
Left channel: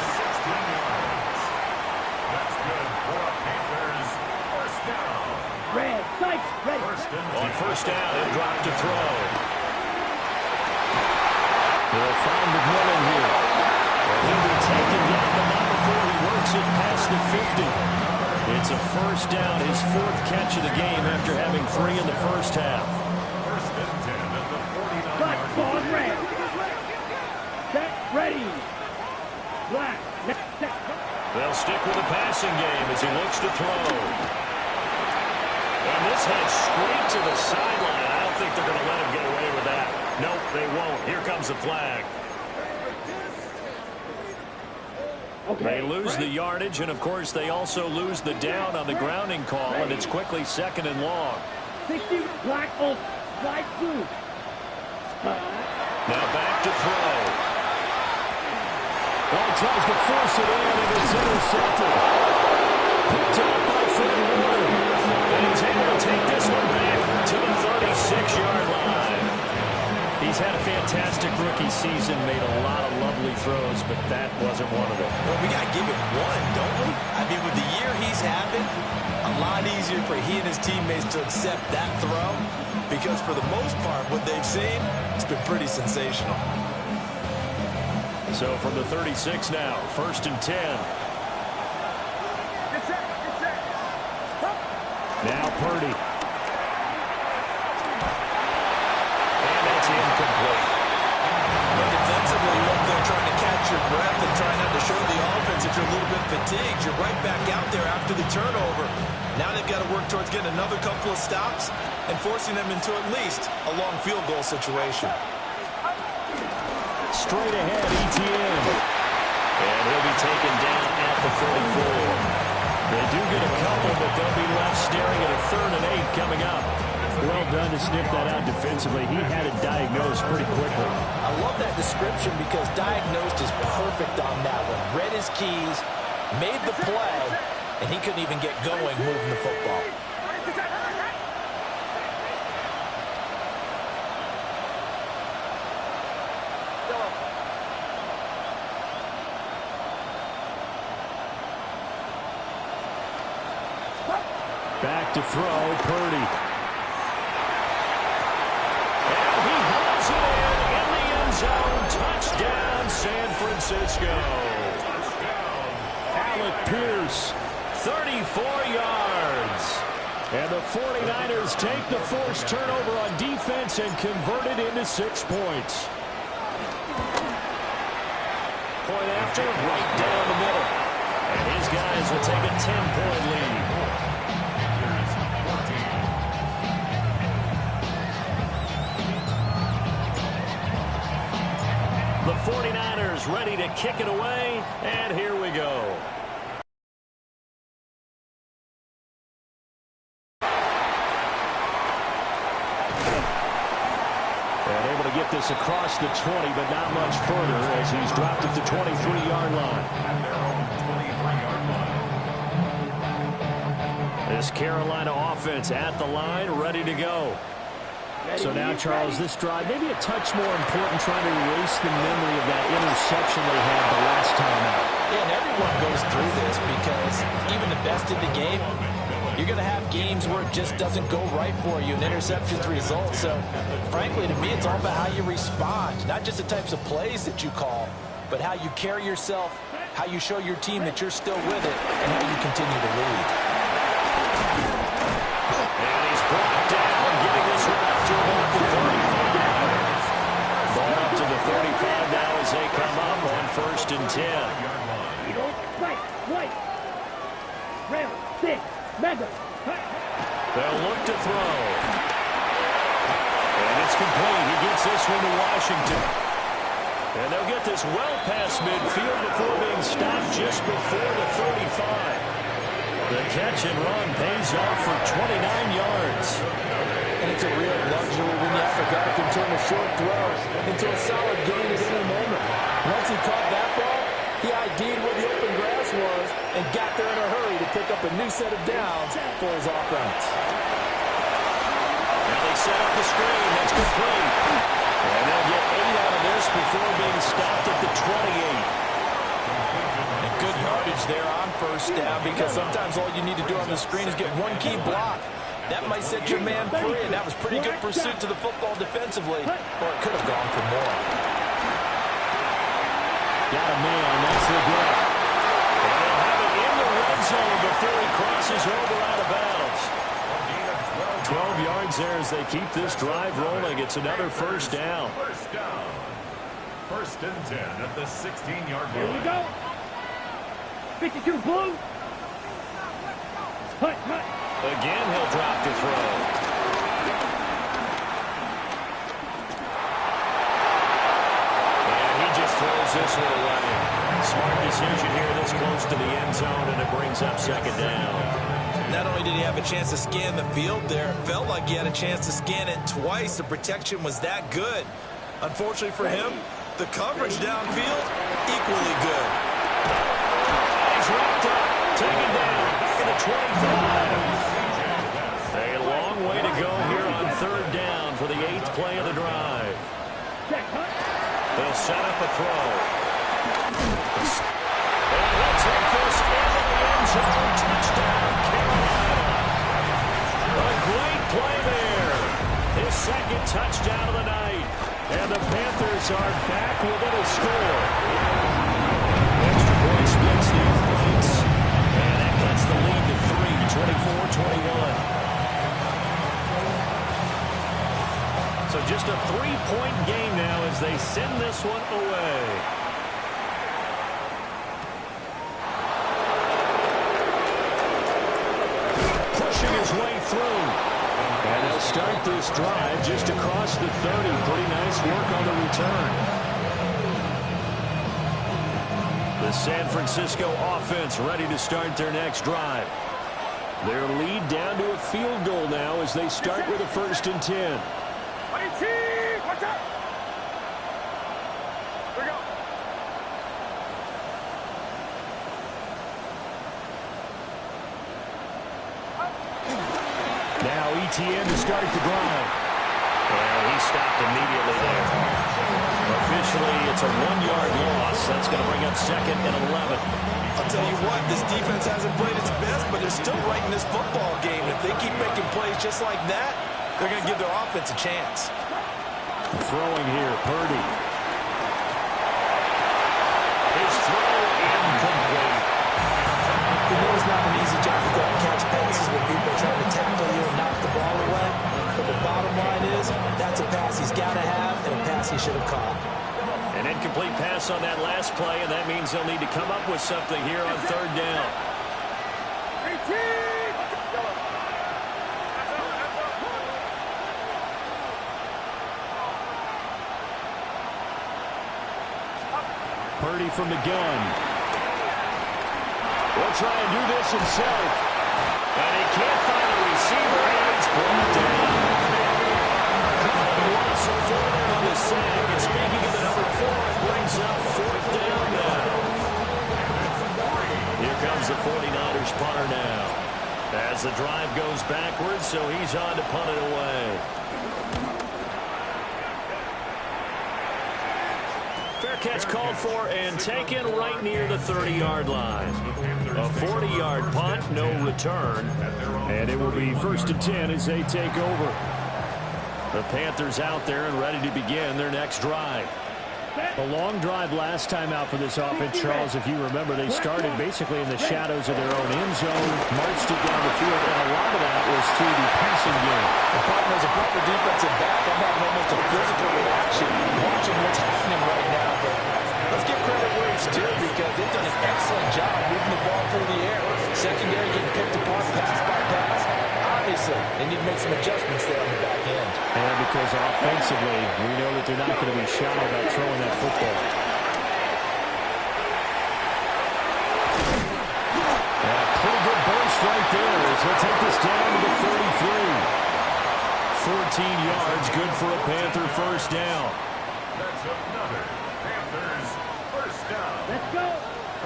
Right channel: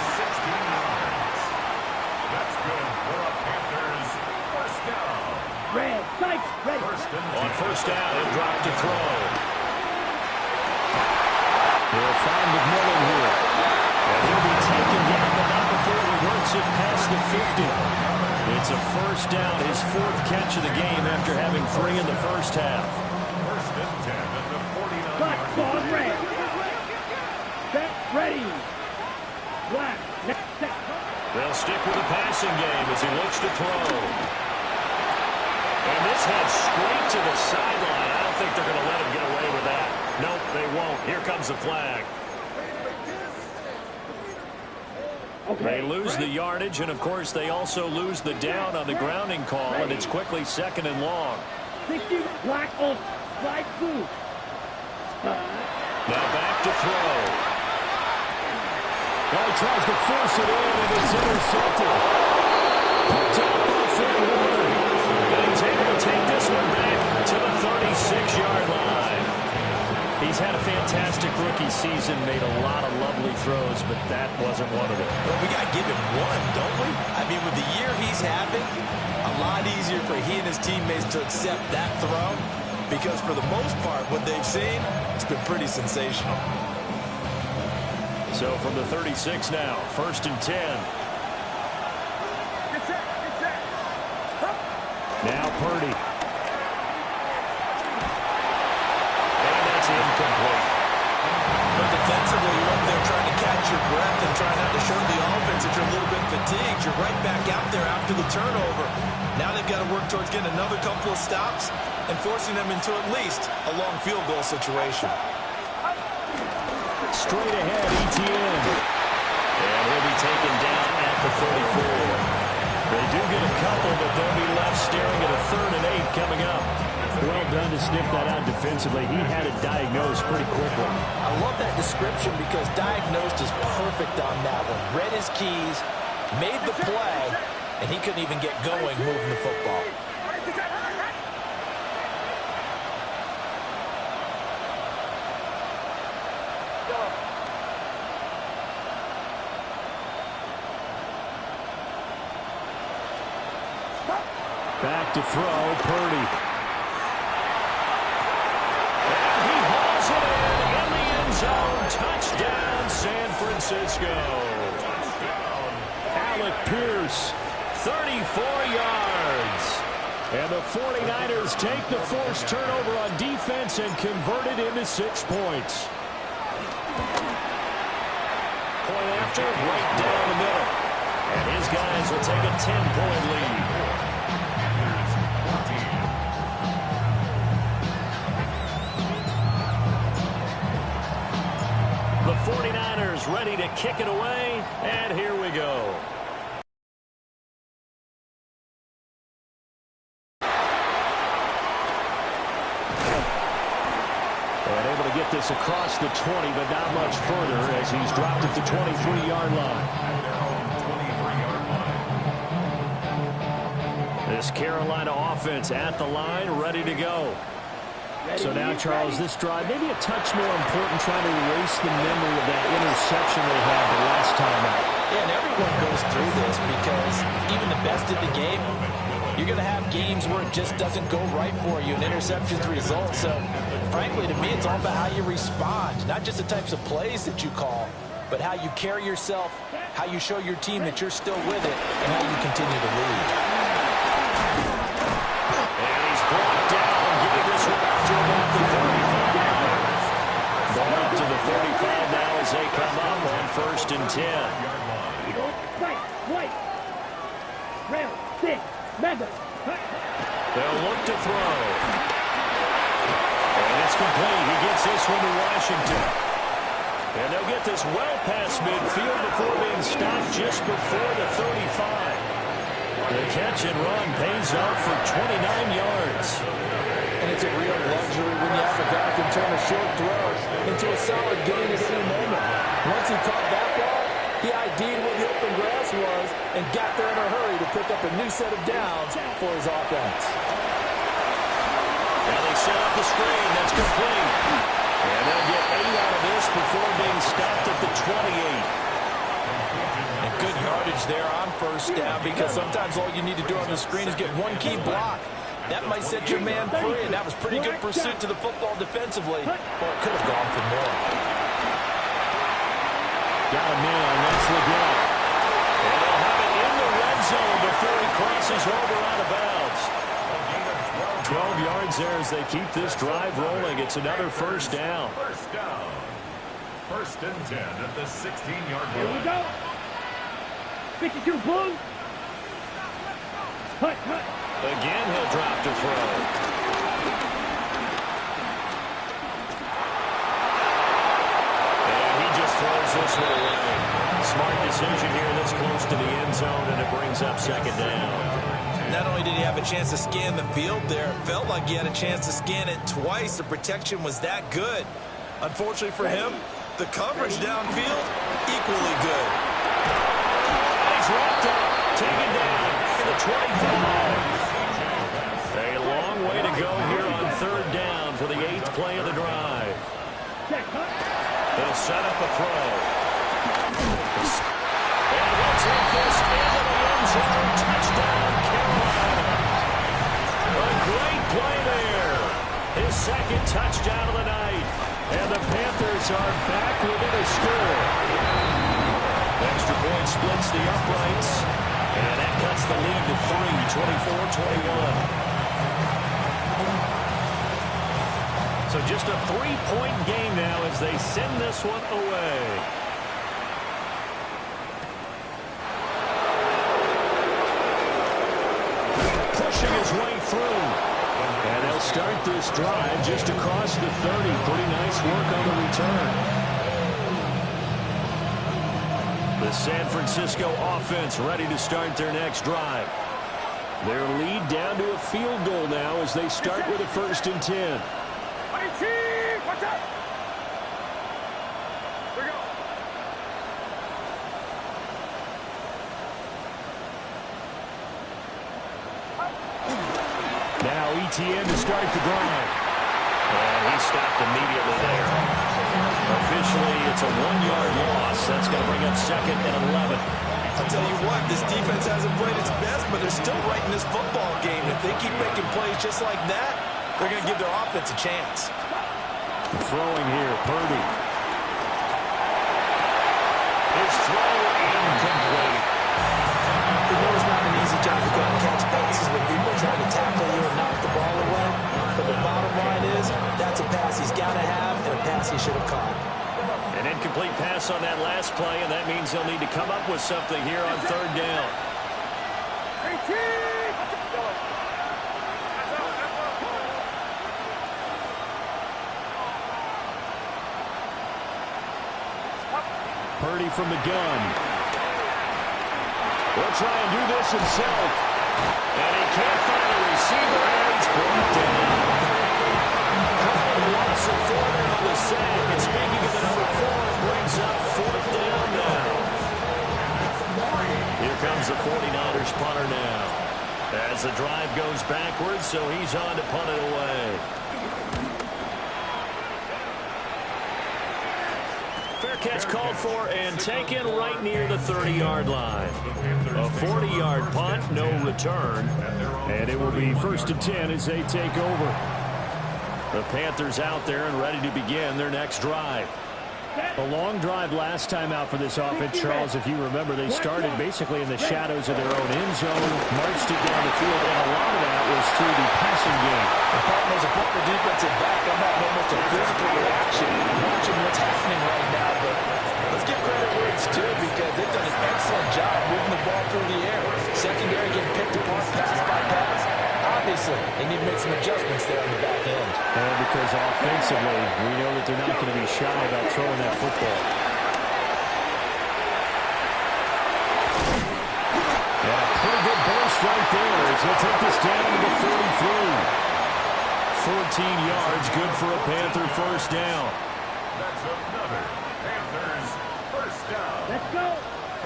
16 yards. That's good for a Panthers first down. Red, sight, ready. On first down, he'll drop to throw. He'll find McMillan here. And he'll be taken down, but not before he works it past the 50. It's a first down, his 4th catch of the game after having 3 in the first half. First and 10 at the 49-yard line. Red. Set, ready. Black. Set. They'll stick with the passing game as he looks to throw. And this heads straight to the sideline. I don't think they're going to let him get away with that. Nope, they won't. Here comes the flag. Okay. They lose the yardage, and, of course, they also lose the down on the grounding call, and it's quickly 2nd and long. 60, black, off, light blue. Now back to throw. Oh, he tries to force it in, and it's intercepted. Picked up by Fred Warner. And he's able to take this one back to the 36-yard line. He's had a fantastic rookie season, made a lot of lovely throws, but that wasn't one of them. Well, we got to give him one, don't we? I mean, with the year he's having, a lot easier for he and his teammates to accept that throw, because for the most part, what they've seen, it's been pretty sensational. So from the 36 now, 1st and 10. Now Purdy. And that's incomplete. But defensively, you're up there trying to catch your breath and trying not to show the offense that you're a little bit fatigued. You're right back out there after the turnover. Now they've got to work towards getting another couple of stops and forcing them into at least a long field goal situation. Straight ahead, Etienne. And he'll be taken down at the 34. They do get a couple, but they'll be left staring at a 3rd and 8 coming up. Well done to sniff that out defensively. He had it diagnosed pretty quickly. I love that description because diagnosed is perfect on that one. Read his keys, made the play, and he couldn't even get going moving the football. Back to throw, Purdy. And he hauls it in the end zone. Touchdown, San Francisco. Touchdown. Alec Pierce, 34 yards. And the 49ers take the forced turnover on defense and convert it into 6 points. Point after, right down the middle. And his guys will take a 10-point lead. The 49ers ready to kick it away, and here we go. And able to get this across the 20, but not much further as he's dropped at the 23-yard line. At their own 23-yard line. This Carolina offense at the line, ready to go. So now, Charles, this drive, maybe a touch more important, trying to erase the memory of that interception they had the last time out. Yeah, and everyone goes through this because even the best in the game, you're going to have games where it just doesn't go right for you and interceptions result. So, frankly, to me, it's all about how you respond, not just the types of plays that you call, but how you carry yourself, how you show your team that you're still with it, and how you continue to lead. And he's brought down, getting this one up to about the 35. Ball up to the 35 now as they come up on 1st and 10. Right. Rail, stick, mega. They'll look to throw. And it's complete. He gets this one to Washington. And they'll get this well past midfield before being stopped just before the 35. The catch and run pays off for 29 yards. And it's a real luxury when you have a guy who can turn a short throw into a solid gain at any moment. Once he caught that ball, he ID'd where the open grass was and got there in a hurry to pick up a new set of downs for his offense. Now they set up the screen. That's complete. And they'll get 8 out of this before being stopped at the 28. And good yardage there on 1st down because sometimes all you need to do on the screen is get one key block. That might set your man free, and that was pretty good pursuit to the football defensively, or it could have gone for more. Got a man. That's Leggett. And they'll have it in the red zone before he crosses over out of bounds. 12 yards there as they keep this drive rolling. It's another first down. First down. First and 10 at the 16-yard line. Here we go. 52 blue. Hut, hut. Again, he'll drop to throw. And he just throws this one away. Smart decision here this close to the end zone, and it brings up second down. Not only did he have a chance to scan the field there, it felt like he had a chance to scan it twice. The protection was that good. Unfortunately for him, the coverage downfield, equally good. And he's wrapped up, taken down, back at the 25. A long way to go here on third down for the 8th play of the drive. They'll set up a throw. And he'll take this into the end zone. Touchdown, Carolina. A great play there. His second touchdown of the night. And the Panthers are back within a score. Extra point splits the uprights. And that cuts the lead to 3, 24-21. So just a 3-point game now as they send this one away. Pushing his way through. And they'll start this drive just across the 30. Pretty nice work on the return. The San Francisco offense ready to start their next drive. Their lead down to a field goal now as they start with a 1st and 10. Watch out! Here we go. Now ETN to start the drive. And he stopped immediately there. Officially, it's a 1-yard loss. That's going to bring up 2nd and 11. I'll tell you what, this defense hasn't played its best, but they're still right in this football game. If they keep making plays just like that, they're going to give their offense a chance. Throwing here, Purdy. His throw incomplete. You know it's not an easy job to go and catch passes when people are trying to tackle you and knock the ball away. But the bottom line is, that's a pass he's got to have and a pass he should have caught. An incomplete pass on that last play, and that means they'll need to come up with something here on third down. Purdy from the gun. Will try and do this himself. And he can't find a receiver, and he's brought down. Colin loss of 4 there on the sack. And speaking of the number 4, it brings up 4th down now. Here comes the 49ers punter now. As the drive goes backwards, so he's on to punt it away. Fair catch called for and taken right near the 30-yard line. A 40-yard punt, no return. And it will be 1st and 10 as they take over. The Panthers out there and ready to begin their next drive. A long drive last time out for this offense, Charles. If you remember, they started basically in the shadows of their own end zone, marched it down the field, and a lot of that was through the passing game. The problem is, a former defensive back, I'm having almost a physical reaction watching what's happening right now. But let's give credit where it's due, because they've done an excellent job moving the ball through the air. Secondary getting picked apart pass by pass. Obviously, they need to make some adjustments there on the back end. And because offensively, we know that they're not going to be shy about throwing that football. And a pretty good burst right there as he'll take this down to the 33. 14 yards, good for a Panther first down. That's another Panthers first down. Let's go.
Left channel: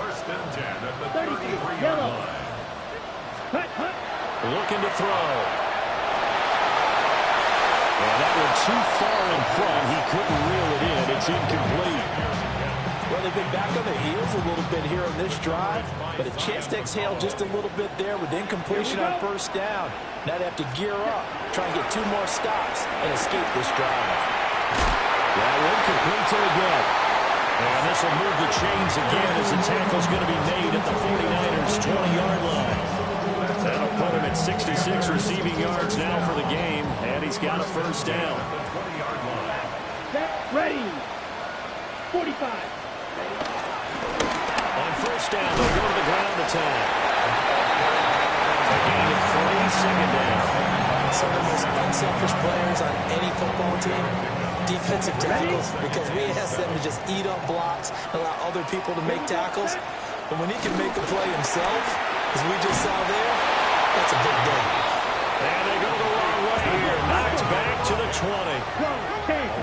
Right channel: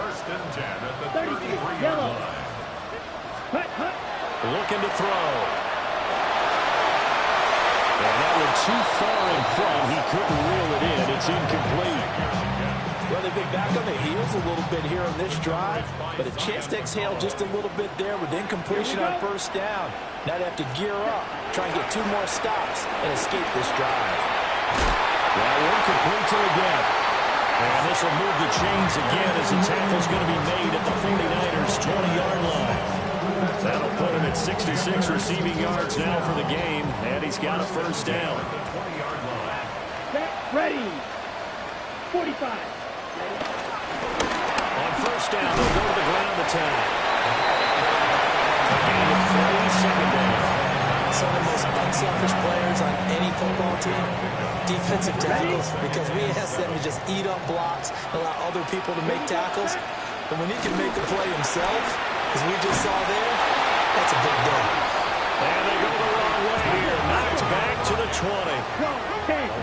1st and 10 at the 33, 33-yard yellow. line. Hut, hut. Looking to throw. And that one too far in front. He couldn't reel it in. It's incomplete. Well, they've been back on their heels a little bit here on this drive, but a chance to exhale just a little bit there with incompletion on first down. Now they have to gear up, try and get 2 more stops, and escape this drive. That one complete to again. And this will move the chains again as the tackle's going to be made at the 49ers' 20-yard line. That'll put him at 66 receiving yards now for the game, and he's got a first down. Set, ready. 45. Ready. On first down, they'll go to the ground attack. A gain of 3, second down. Some of the most unselfish players on any football team, defensive tackles, because we ask them to just eat up blocks and allow other people to make tackles. But when he can make a play himself, as we just saw there, that's a big day. And they go the wrong way here. Knocked back to the 20.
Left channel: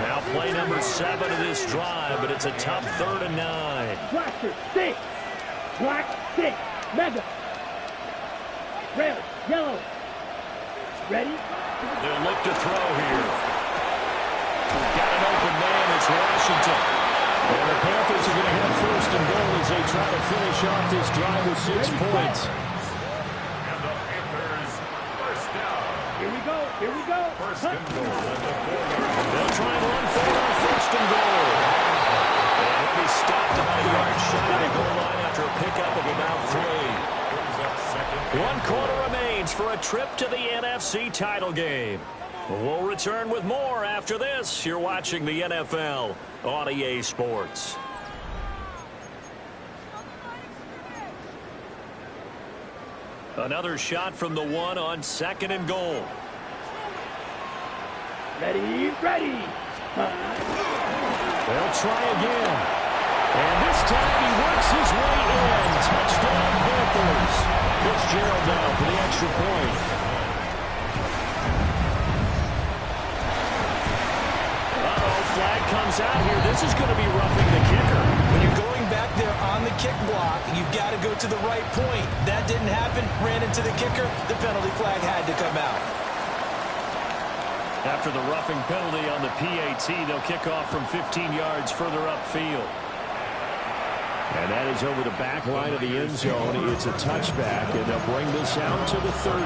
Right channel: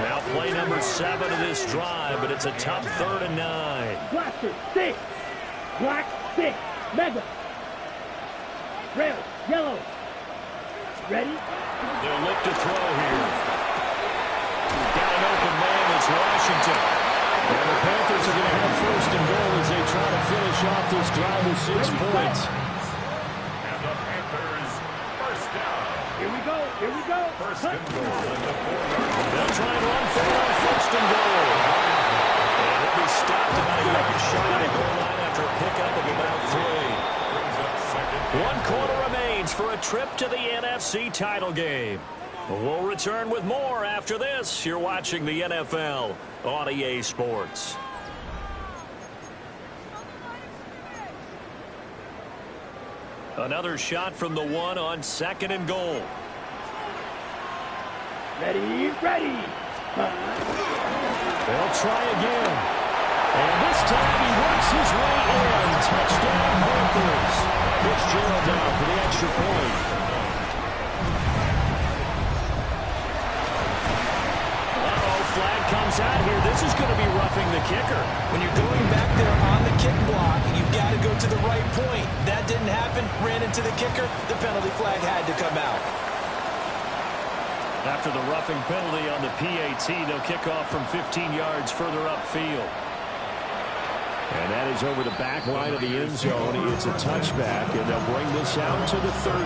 Now play number 7 of this drive, but it's a tough 3rd and 9. Blaster, 6. Black, 6. Mega. Red, yellow. Ready? They'll look to throw here. Got an open man. It's Washington. And the Panthers are going to have first and goal as they try to finish off this drive with 6 points. And the Panthers, first down. Here we go. Here we go. First and goal at the 4-yard line. They'll try and run for it on first and goal. And he'll be stopped about a yard shy of the goal line after a pickup of about 3. Brings up second and 1 quarter remains for a trip to the NFC title game. We'll return with more after this. You're watching the NFL on EA Sports. Another shot from the 1 on 2nd and goal. Ready, ready. They'll try again. And this time he works his way in. Touchdown Panthers. Fitzgerald down for the extra point. Flag comes out here. This is going to be roughing the kicker. When you're going back there on the kick block, you've got to go to the right point. That didn't happen. Ran into the kicker. The penalty flag had to come out. After the roughing penalty on the PAT, they'll kick off from 15 yards further upfield. And that is over the back line of the end zone. It's a touchback, and they'll bring this out to the 30.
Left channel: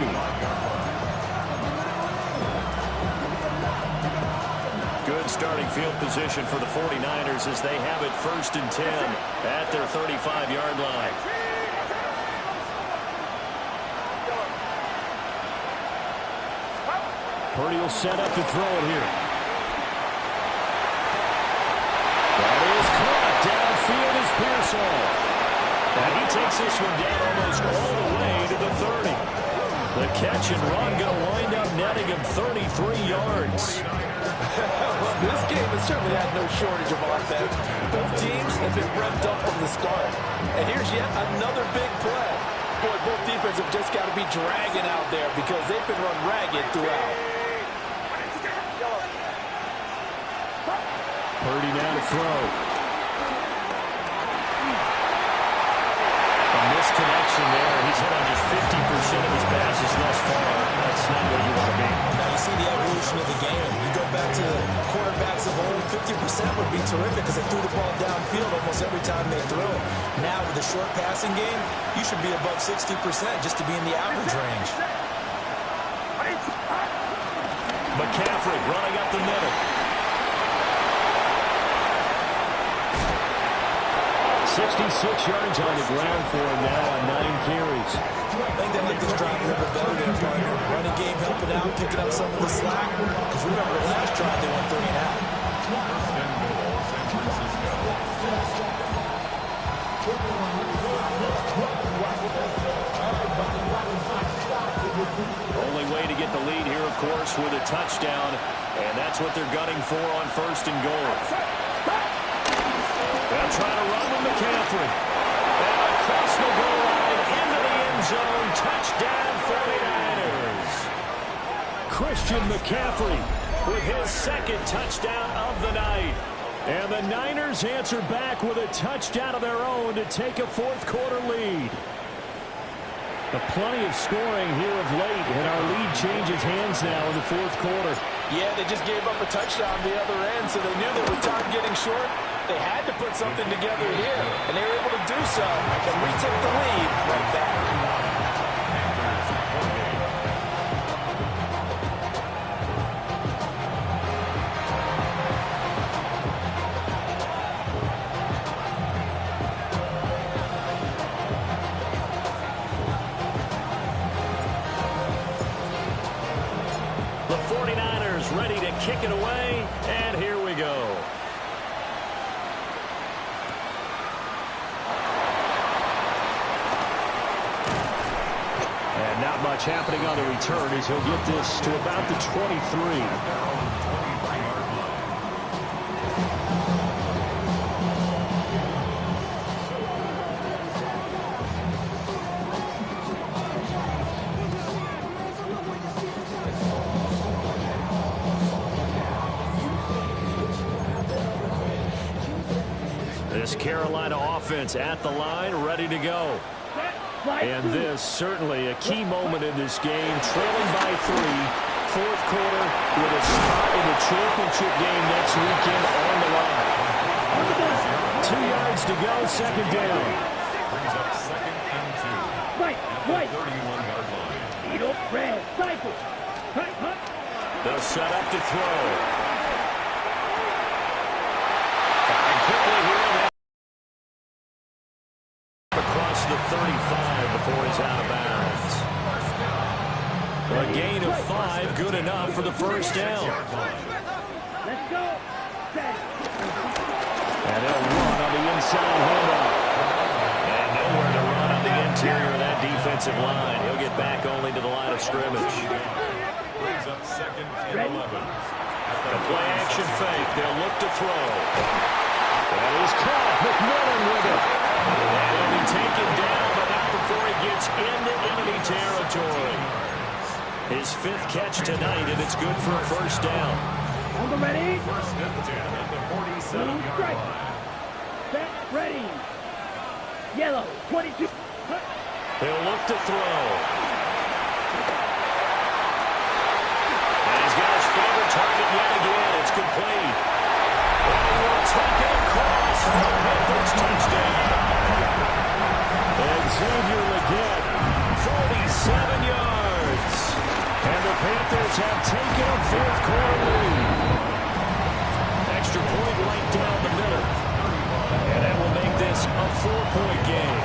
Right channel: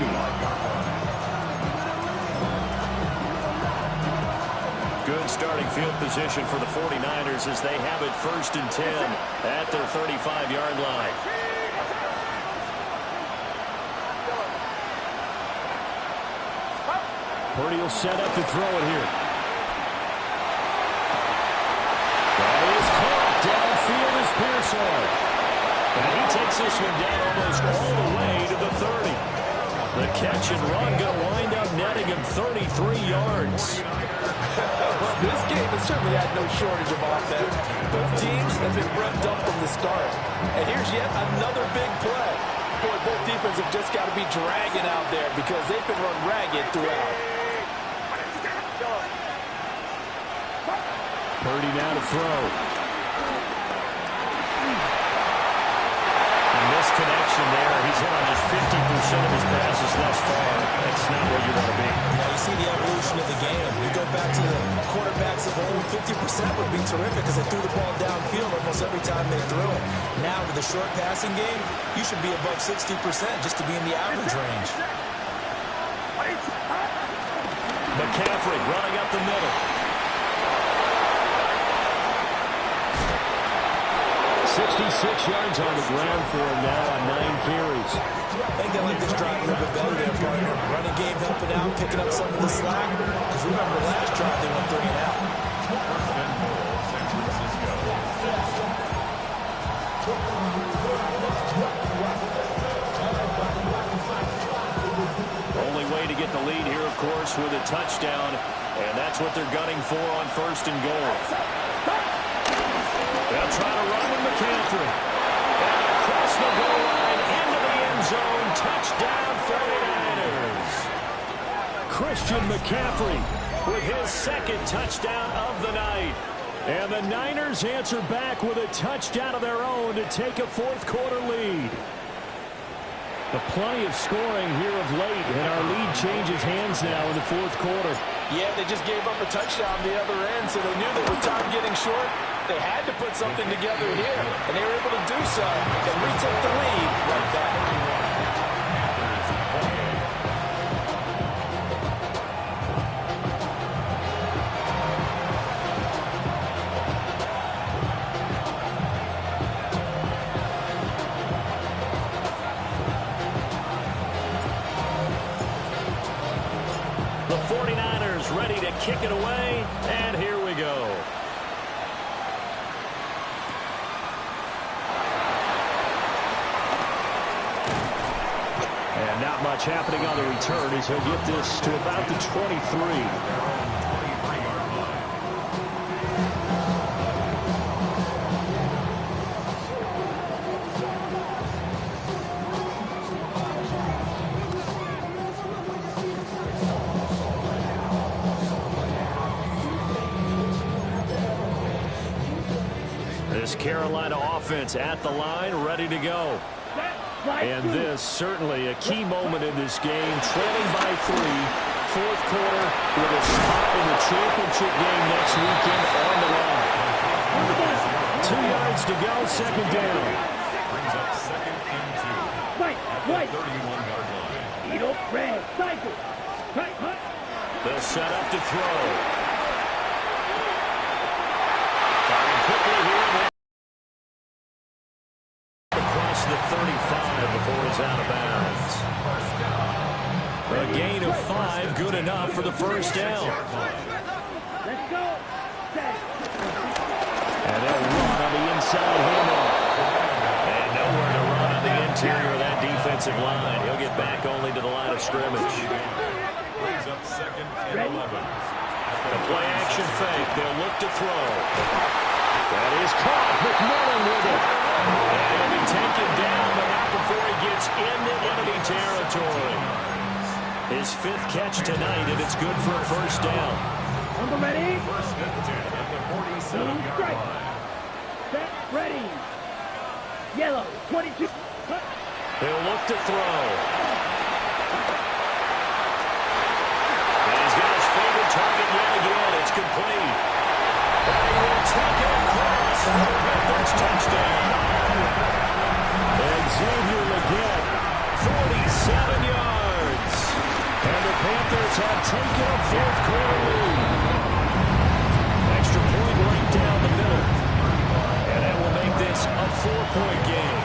Good starting field position for the 49ers as they have it 1st and 10 at their 35-yard line. Purdy will set up to throw it here. That is caught. Downfield is Pearsall. And he takes this one down almost all the way to the 30. The catch and run going to wind up netting him 33 yards. Well, this game has certainly had no shortage of offense. Both teams have been revved up from the start. And here's yet another big play. Boy, both defenses have just got to be dragging out there because they've been run ragged throughout. Purdy now to throw. And this connection there, he's hit on just 50% of his passes thus far. That's not where you want to be. Now you see the evolution of the game. You go back to the quarterbacks of old, 50% would be terrific because they threw the ball downfield almost every time they threw it. Now with the short passing game, you should be above 60% just to be in the average range. McCaffrey running up the middle. 66 yards on the ground for him now on 9 carries. I think they like this drive a little bit better there, partner. Running game helping out, picking up some of the slack. Because remember, the last drive they went 3 and out. First and goal, San Francisco. Only way to get the lead here, of course, with a touchdown. And that's what they're gunning for on 1st and goal. They'll try to run with McCaffrey. And across the goal line into the end zone. Touchdown 49ers. Christian McCaffrey with his 2nd touchdown of the night. And the Niners answer back with a touchdown of their own to take a 4th quarter lead. Plenty of scoring here of late, and our lead changes hands now in the 4th quarter. Yeah, they just gave up a touchdown the other end, so they knew that with time getting short, they had to put something together here, and they were able to do so and retake the lead right back. ready to kick it away, and here we go. And not much happening on the return as he'll get this to about the 23. This Carolina offense at the line, ready to go. And this certainly a key moment in this game, trailing by 3, fourth quarter, with a spot in the championship game next weekend on the line. 2 yards to go, second down. Brings up 2nd and 2 at the 31-yard line. Red, cycle. They'll set up to throw. Firing quickly here. Across the 35 before he's out of bounds. A gain of 5, good enough for the first down. Let's go. And they'll run on the inside handoff. And nowhere to run on the interior of that defensive line. He'll get back only to the line of scrimmage. Brings up 2nd and 11. The play action fake. They'll look to throw. That is caught. McMillan with it. And he'll be taken down, but not before he gets into enemy territory. His 5th catch tonight, and it's good for a first down. On the ready. 1st and 10 at the 47-yard line. Set, ready. Yellow, 22. They'll look to throw. And he's got his favorite target yet again. It's complete. And he will take it across for the Panthers touchdown. And Xavier Legette, 47 yards. And the Panthers have taken a fourth quarter lead. Extra point right down the middle. And that will make this a 4-point game.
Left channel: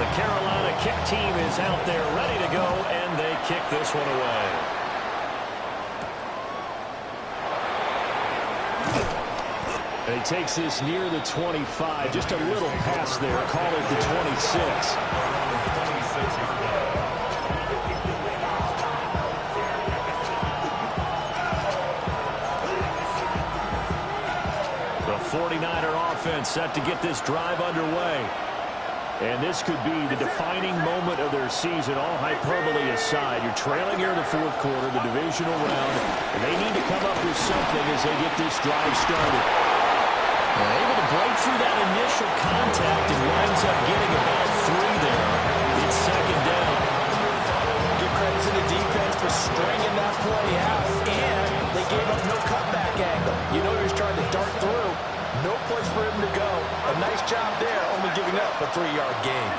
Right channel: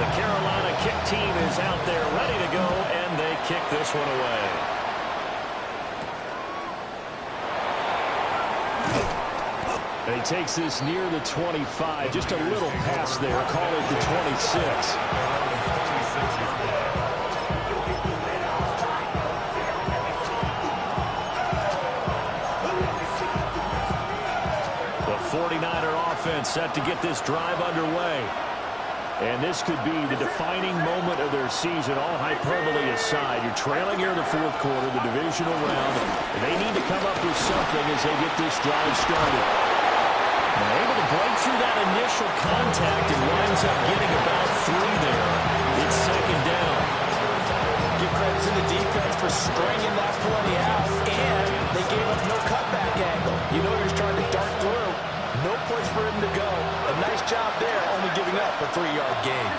The Carolina kick team is out there ready to go, and they kick this one away. And he takes this near the 25. Just a little pass there. Call it the 26. The 49er offense set to get this drive underway. And this could be the defining moment of their season, all hyperbole aside. You're trailing here in the fourth quarter, the divisional round, and they need to come up with something as they get this drive started. They're able to break through that initial contact and winds up getting about 3 there. It's second down. Give credit to the defense for stringing that play out, and they gave up no cutback angle. You know he was trying to dart through. No place for him to go. A nice job there, only giving up a 3-yard gain.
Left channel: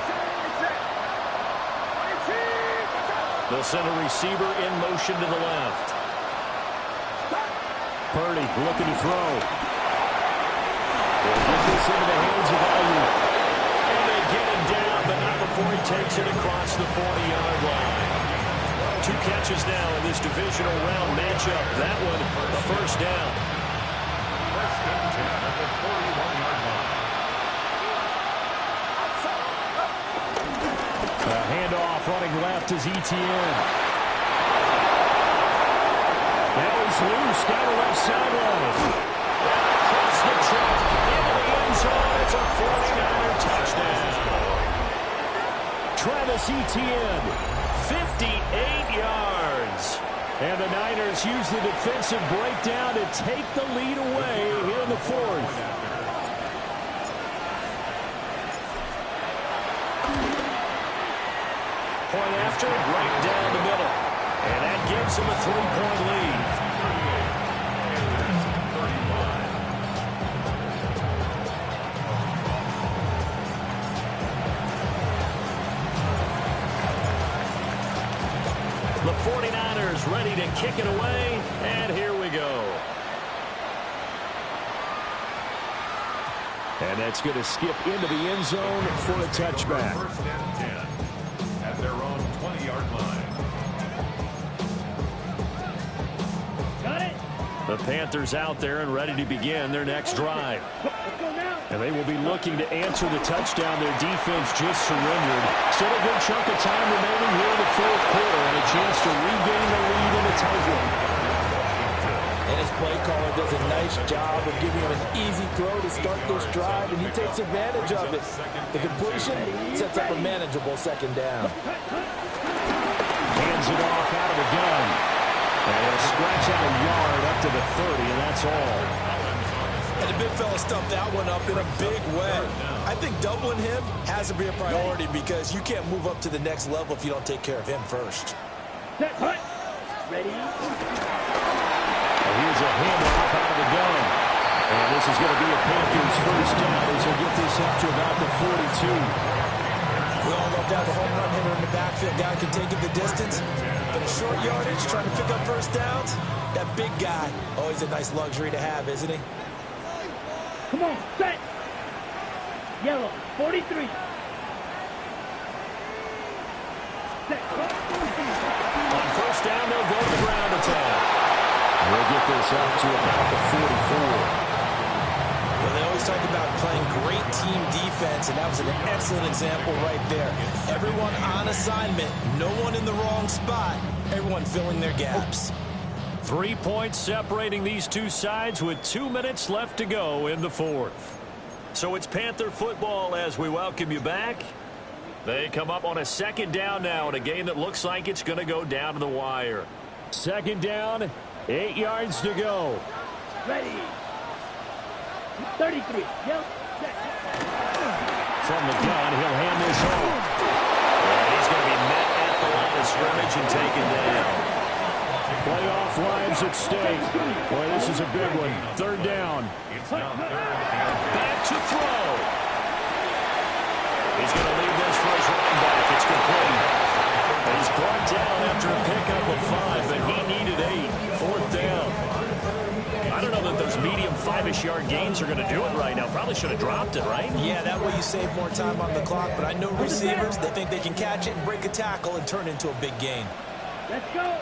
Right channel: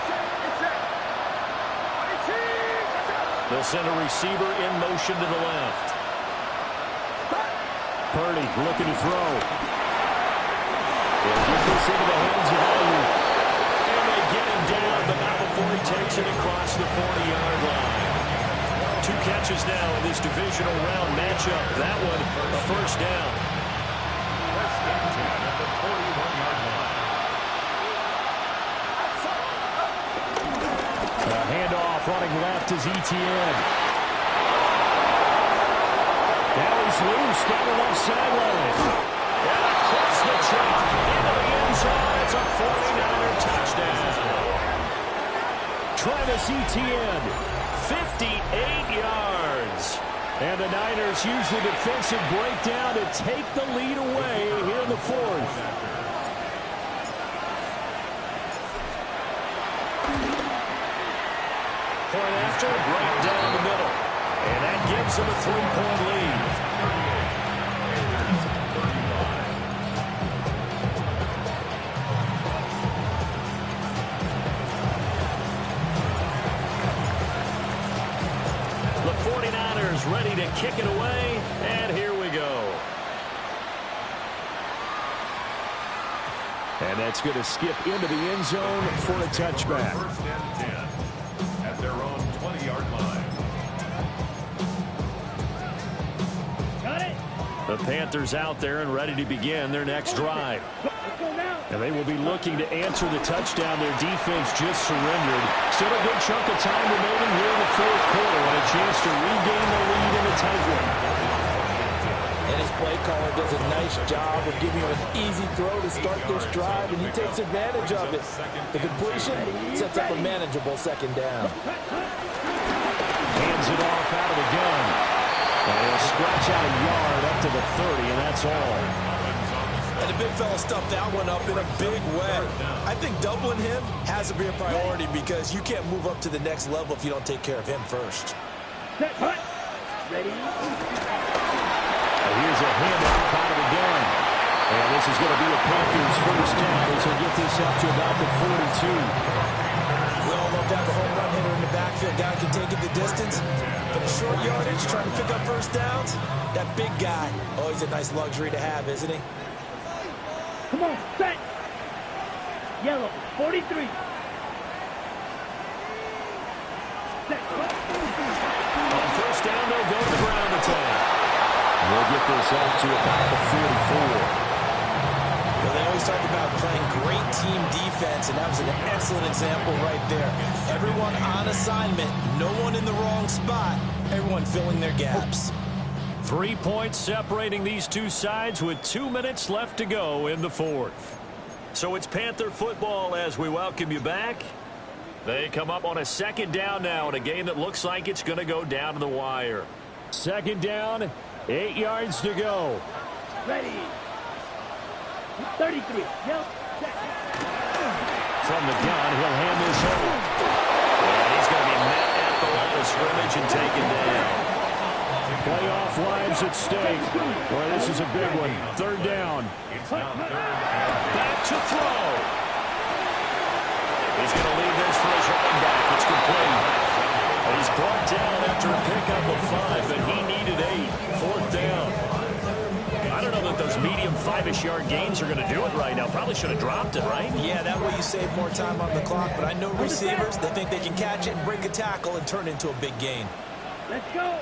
They'll send a receiver in motion to the left. Purdy looking to throw. They'll get this into the hands of Ayuk. And they get him down, but not before he takes it across the 40-yard line. 2 catches now in this divisional round matchup. That one, a first down. 1st and 10 at the 41-yard line. A handoff running left is Etienne. Now he's loose down the left sideline. And across the track into the end zone. It's a 49er touchdown. Travis Etienne, 58 yards. And the Niners use the defensive breakdown to take the lead away here in the fourth. Point after, right down the middle. And that gives them a 3-point lead. 35. The 49ers ready to kick it away, and here we go. And that's going to skip into the end zone for a touchback. 1st and 10 at their own 20-yard line. The Panthers out there and ready to begin their next drive. Let's go now. And they will be looking to answer the touchdown. Their defense just surrendered. Still a good chunk of time remaining here in the fourth quarter and a chance to regain the lead in a tight one. And his play caller does a nice job of giving him an easy throw to start this drive, and he takes advantage of it. The completion sets up a manageable second down. Hands it off out of the gun. And he'll scratch out a yard up to the 30, and that's all. And the big fella stuffed that one up in a big way. I think doubling him has to be a priority because you can't move up to the next level if you don't take care of him first. Set, hut. Ready. Here's a handoff out of the gun. And this is going to be a Panthers first down as he'll get this up to about the 42. We all love to have a home run hitter in the backfield. Guy can take it the distance. But a short yardage, trying to pick up first downs, that big guy, always a nice luxury to have, isn't he? Come on, set. Yellow, 43. Set. On first down, they'll go to the ground attack. We'll get this up to about the 44. Well, they always talk about playing great team defense, and that was an excellent example right there. Everyone on assignment, no one in the wrong spot, everyone filling their gaps. 3 points separating these two sides with 2 minutes left to go in the fourth. So it's Panther football as we welcome you back. They come up on a second down now in a game that looks like it's going to go down to the wire. Second down, 8 yards to go. Ready. 33. Yellow. Set. From the gun, he'll hand this off. And he's going to be met at the line of scrimmage and taken down. Playoff lives at stake. Boy, this is a big one. Third down. Back to throw. He's going to leave this for his running back. It's complete. And he's brought down after a pickup of 5, but he needed 8. Fourth down. I don't know that those medium 5-ish yard gains are going to do it right now. Probably should have dropped it, right? Yeah, that way you save more time on the clock, but I know receivers, they think they can catch it and break a tackle and turn it into a big gain. Let's go.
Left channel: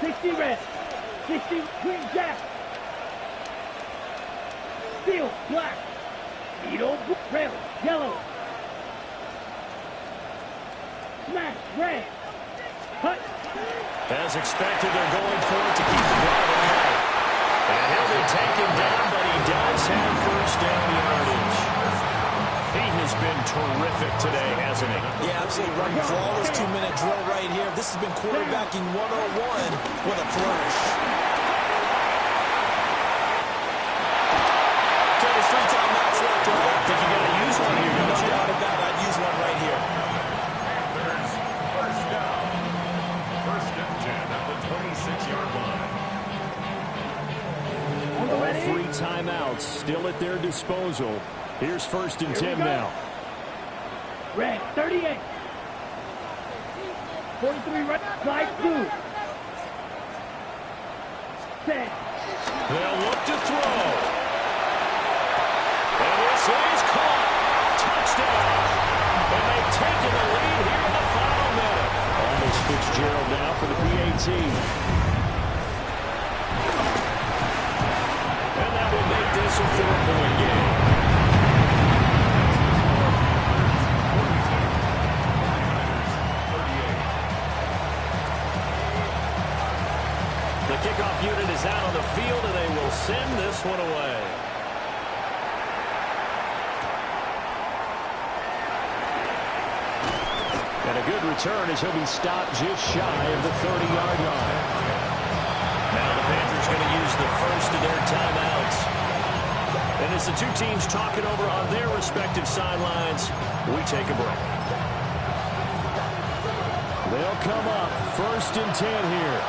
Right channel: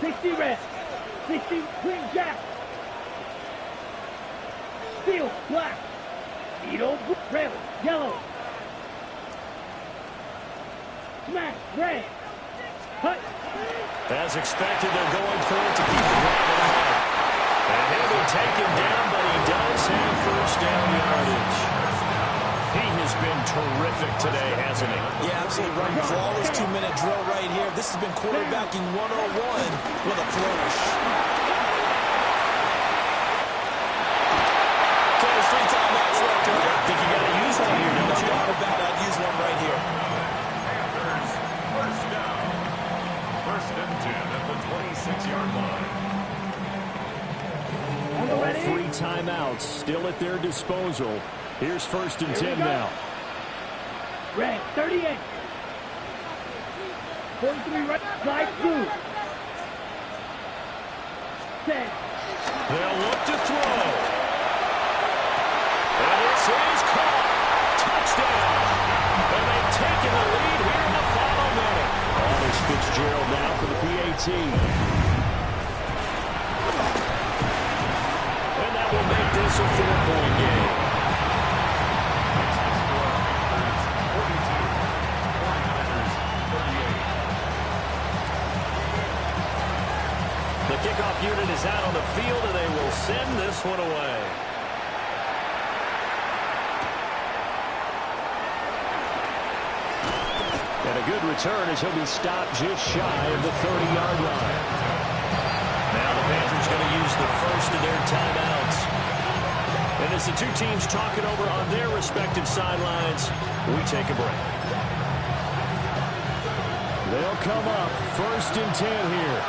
60 red. 60 green jack. Steel black. Needle red. Yellow. Smash red. Cut. As expected, they're going for it to keep the drive alive. And he'll be taken down, but he does have first down yardage. He has been terrific today, hasn't he? Yeah, absolutely. Running flawless 2-minute drill right here. This has been quarterbacking 101 with a flourish. Okay, there's 3 timeouts left, right? I think you got to use one here, don't you? No doubt about it. I'd use one right here. Panthers, first down. First and 10 at the 26-yard line. All 3 timeouts still at their disposal. Here's first and 10 now. Red, 38. 43 right, slide through. Set. They'll look to throw. And this is caught. Touchdown. And they've taken the lead here in the final minute. On is Fitzgerald now for the PAT. And that will make this a 4-point game. The kickoff unit is out on the field, and they will send this one away. And a good return as he'll be stopped just shy of the 30-yard line. Now the Panthers going to use the first of their timeouts. And as the two teams talk it over on their respective sidelines, we take a break. They'll come up first and 10 here.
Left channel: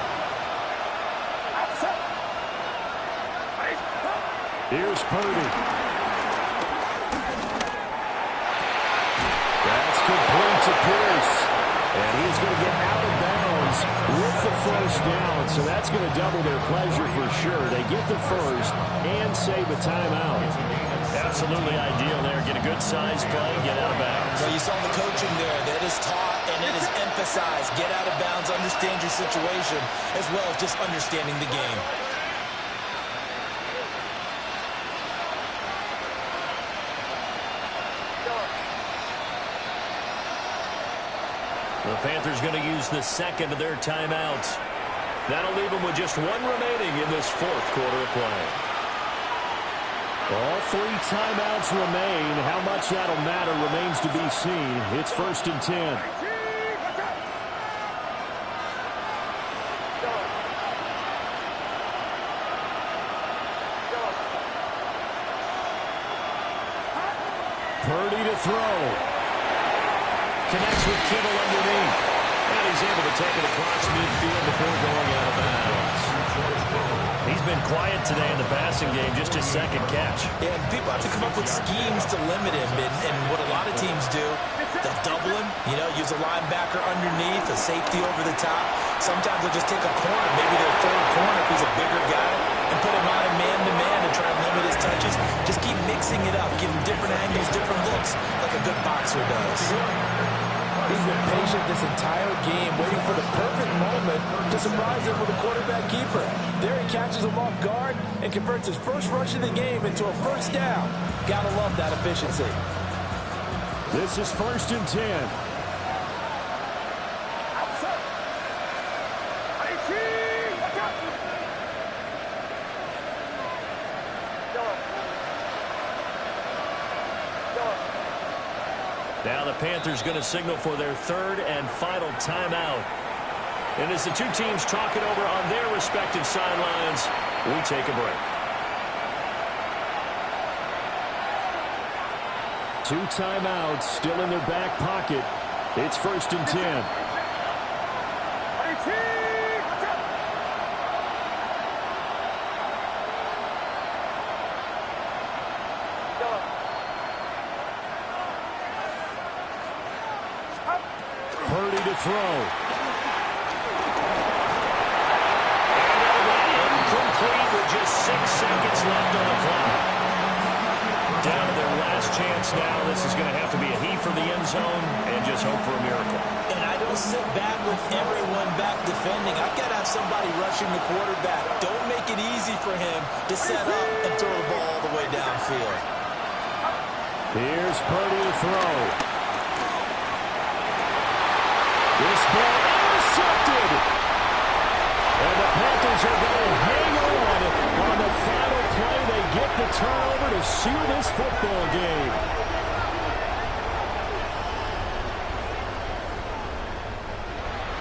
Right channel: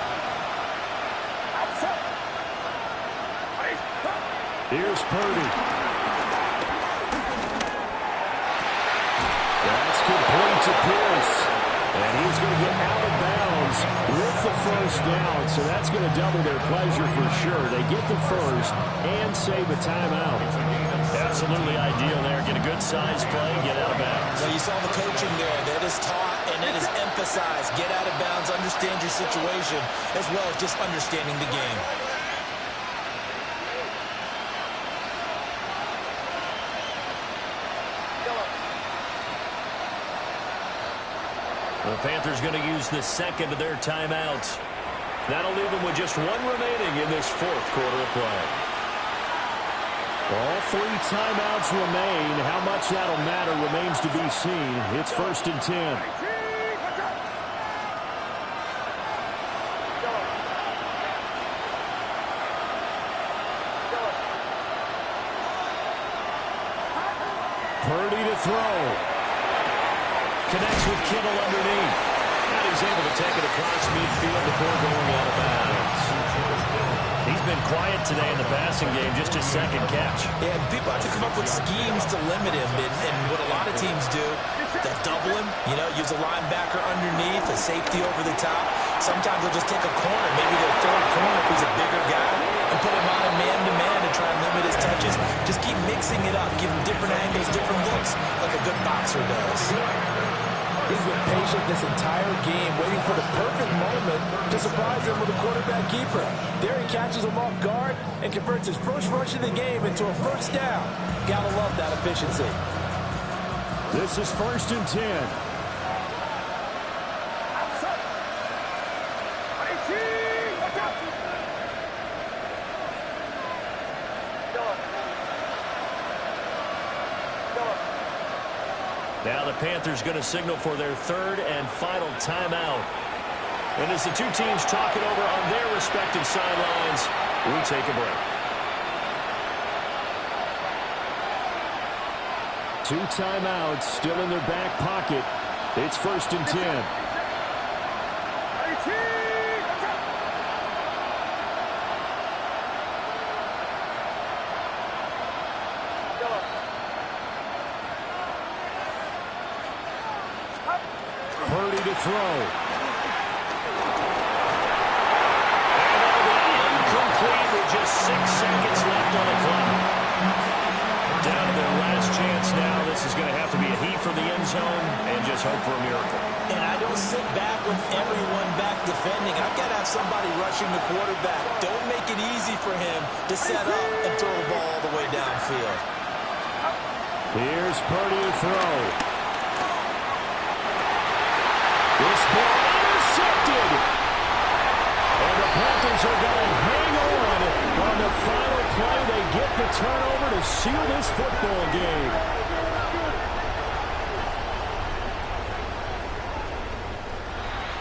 Here's Purdy. That's complete to Pierce. And he's going to get out of bounds with the first down, so that's going to double their pleasure for sure. They get the first and save a timeout. Absolutely ideal there. Get a good size play, get out of bounds. Well, you saw the coaching there. That is taught and it is emphasized. Get out of bounds, understand your situation, as well as just understanding the game. The Panthers going to use the second of their timeouts. That'll leave them with just one remaining in this fourth quarter of play. All 3 timeouts remain. How much that'll matter remains to be seen. It's 1st and 10. Purdy to throw. Connects with Kittle underneath. And he's able to take it across midfield before going out of bounds. He's been quiet today in the passing game, just his second catch. Yeah, and people have to come up with schemes to limit him. And what a lot of teams do, they'll double him, use a linebacker underneath, a safety over the top. Sometimes they'll just take a corner, maybe their third corner if he's a bigger guy, and put him on a man-to-man and try and limit his touches. Just keep mixing it up, give him different angles, different looks, like a good boxer does. He's been patient this entire game, waiting for the perfect moment to surprise him with a quarterback keeper. There he catches him off guard and converts his first rush of the game into a first down. Gotta love that efficiency. This is 1st and 10. Now the Panthers going to signal for their third and final timeout. And as the two teams talk it over on their respective sidelines, we take a break. 2 timeouts still in their back pocket. It's 1st and 10. Purdy to throw. And that'll be incomplete with just 6 seconds left on the clock. Down to their last chance now. This is going to have to be a heave from the end zone and just hope for a miracle. And I don't sit back with everyone back defending. I've got to have somebody rushing the quarterback. Don't make it easy for him to set up and throw the ball all the way downfield. Here's Purdy to throw. This ball intercepted. And the Panthers are going to hang on the final play. They get the turnover to seal this football game.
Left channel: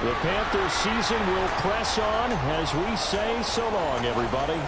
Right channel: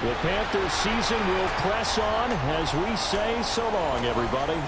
The Panthers season will press on as we say so long, everybody.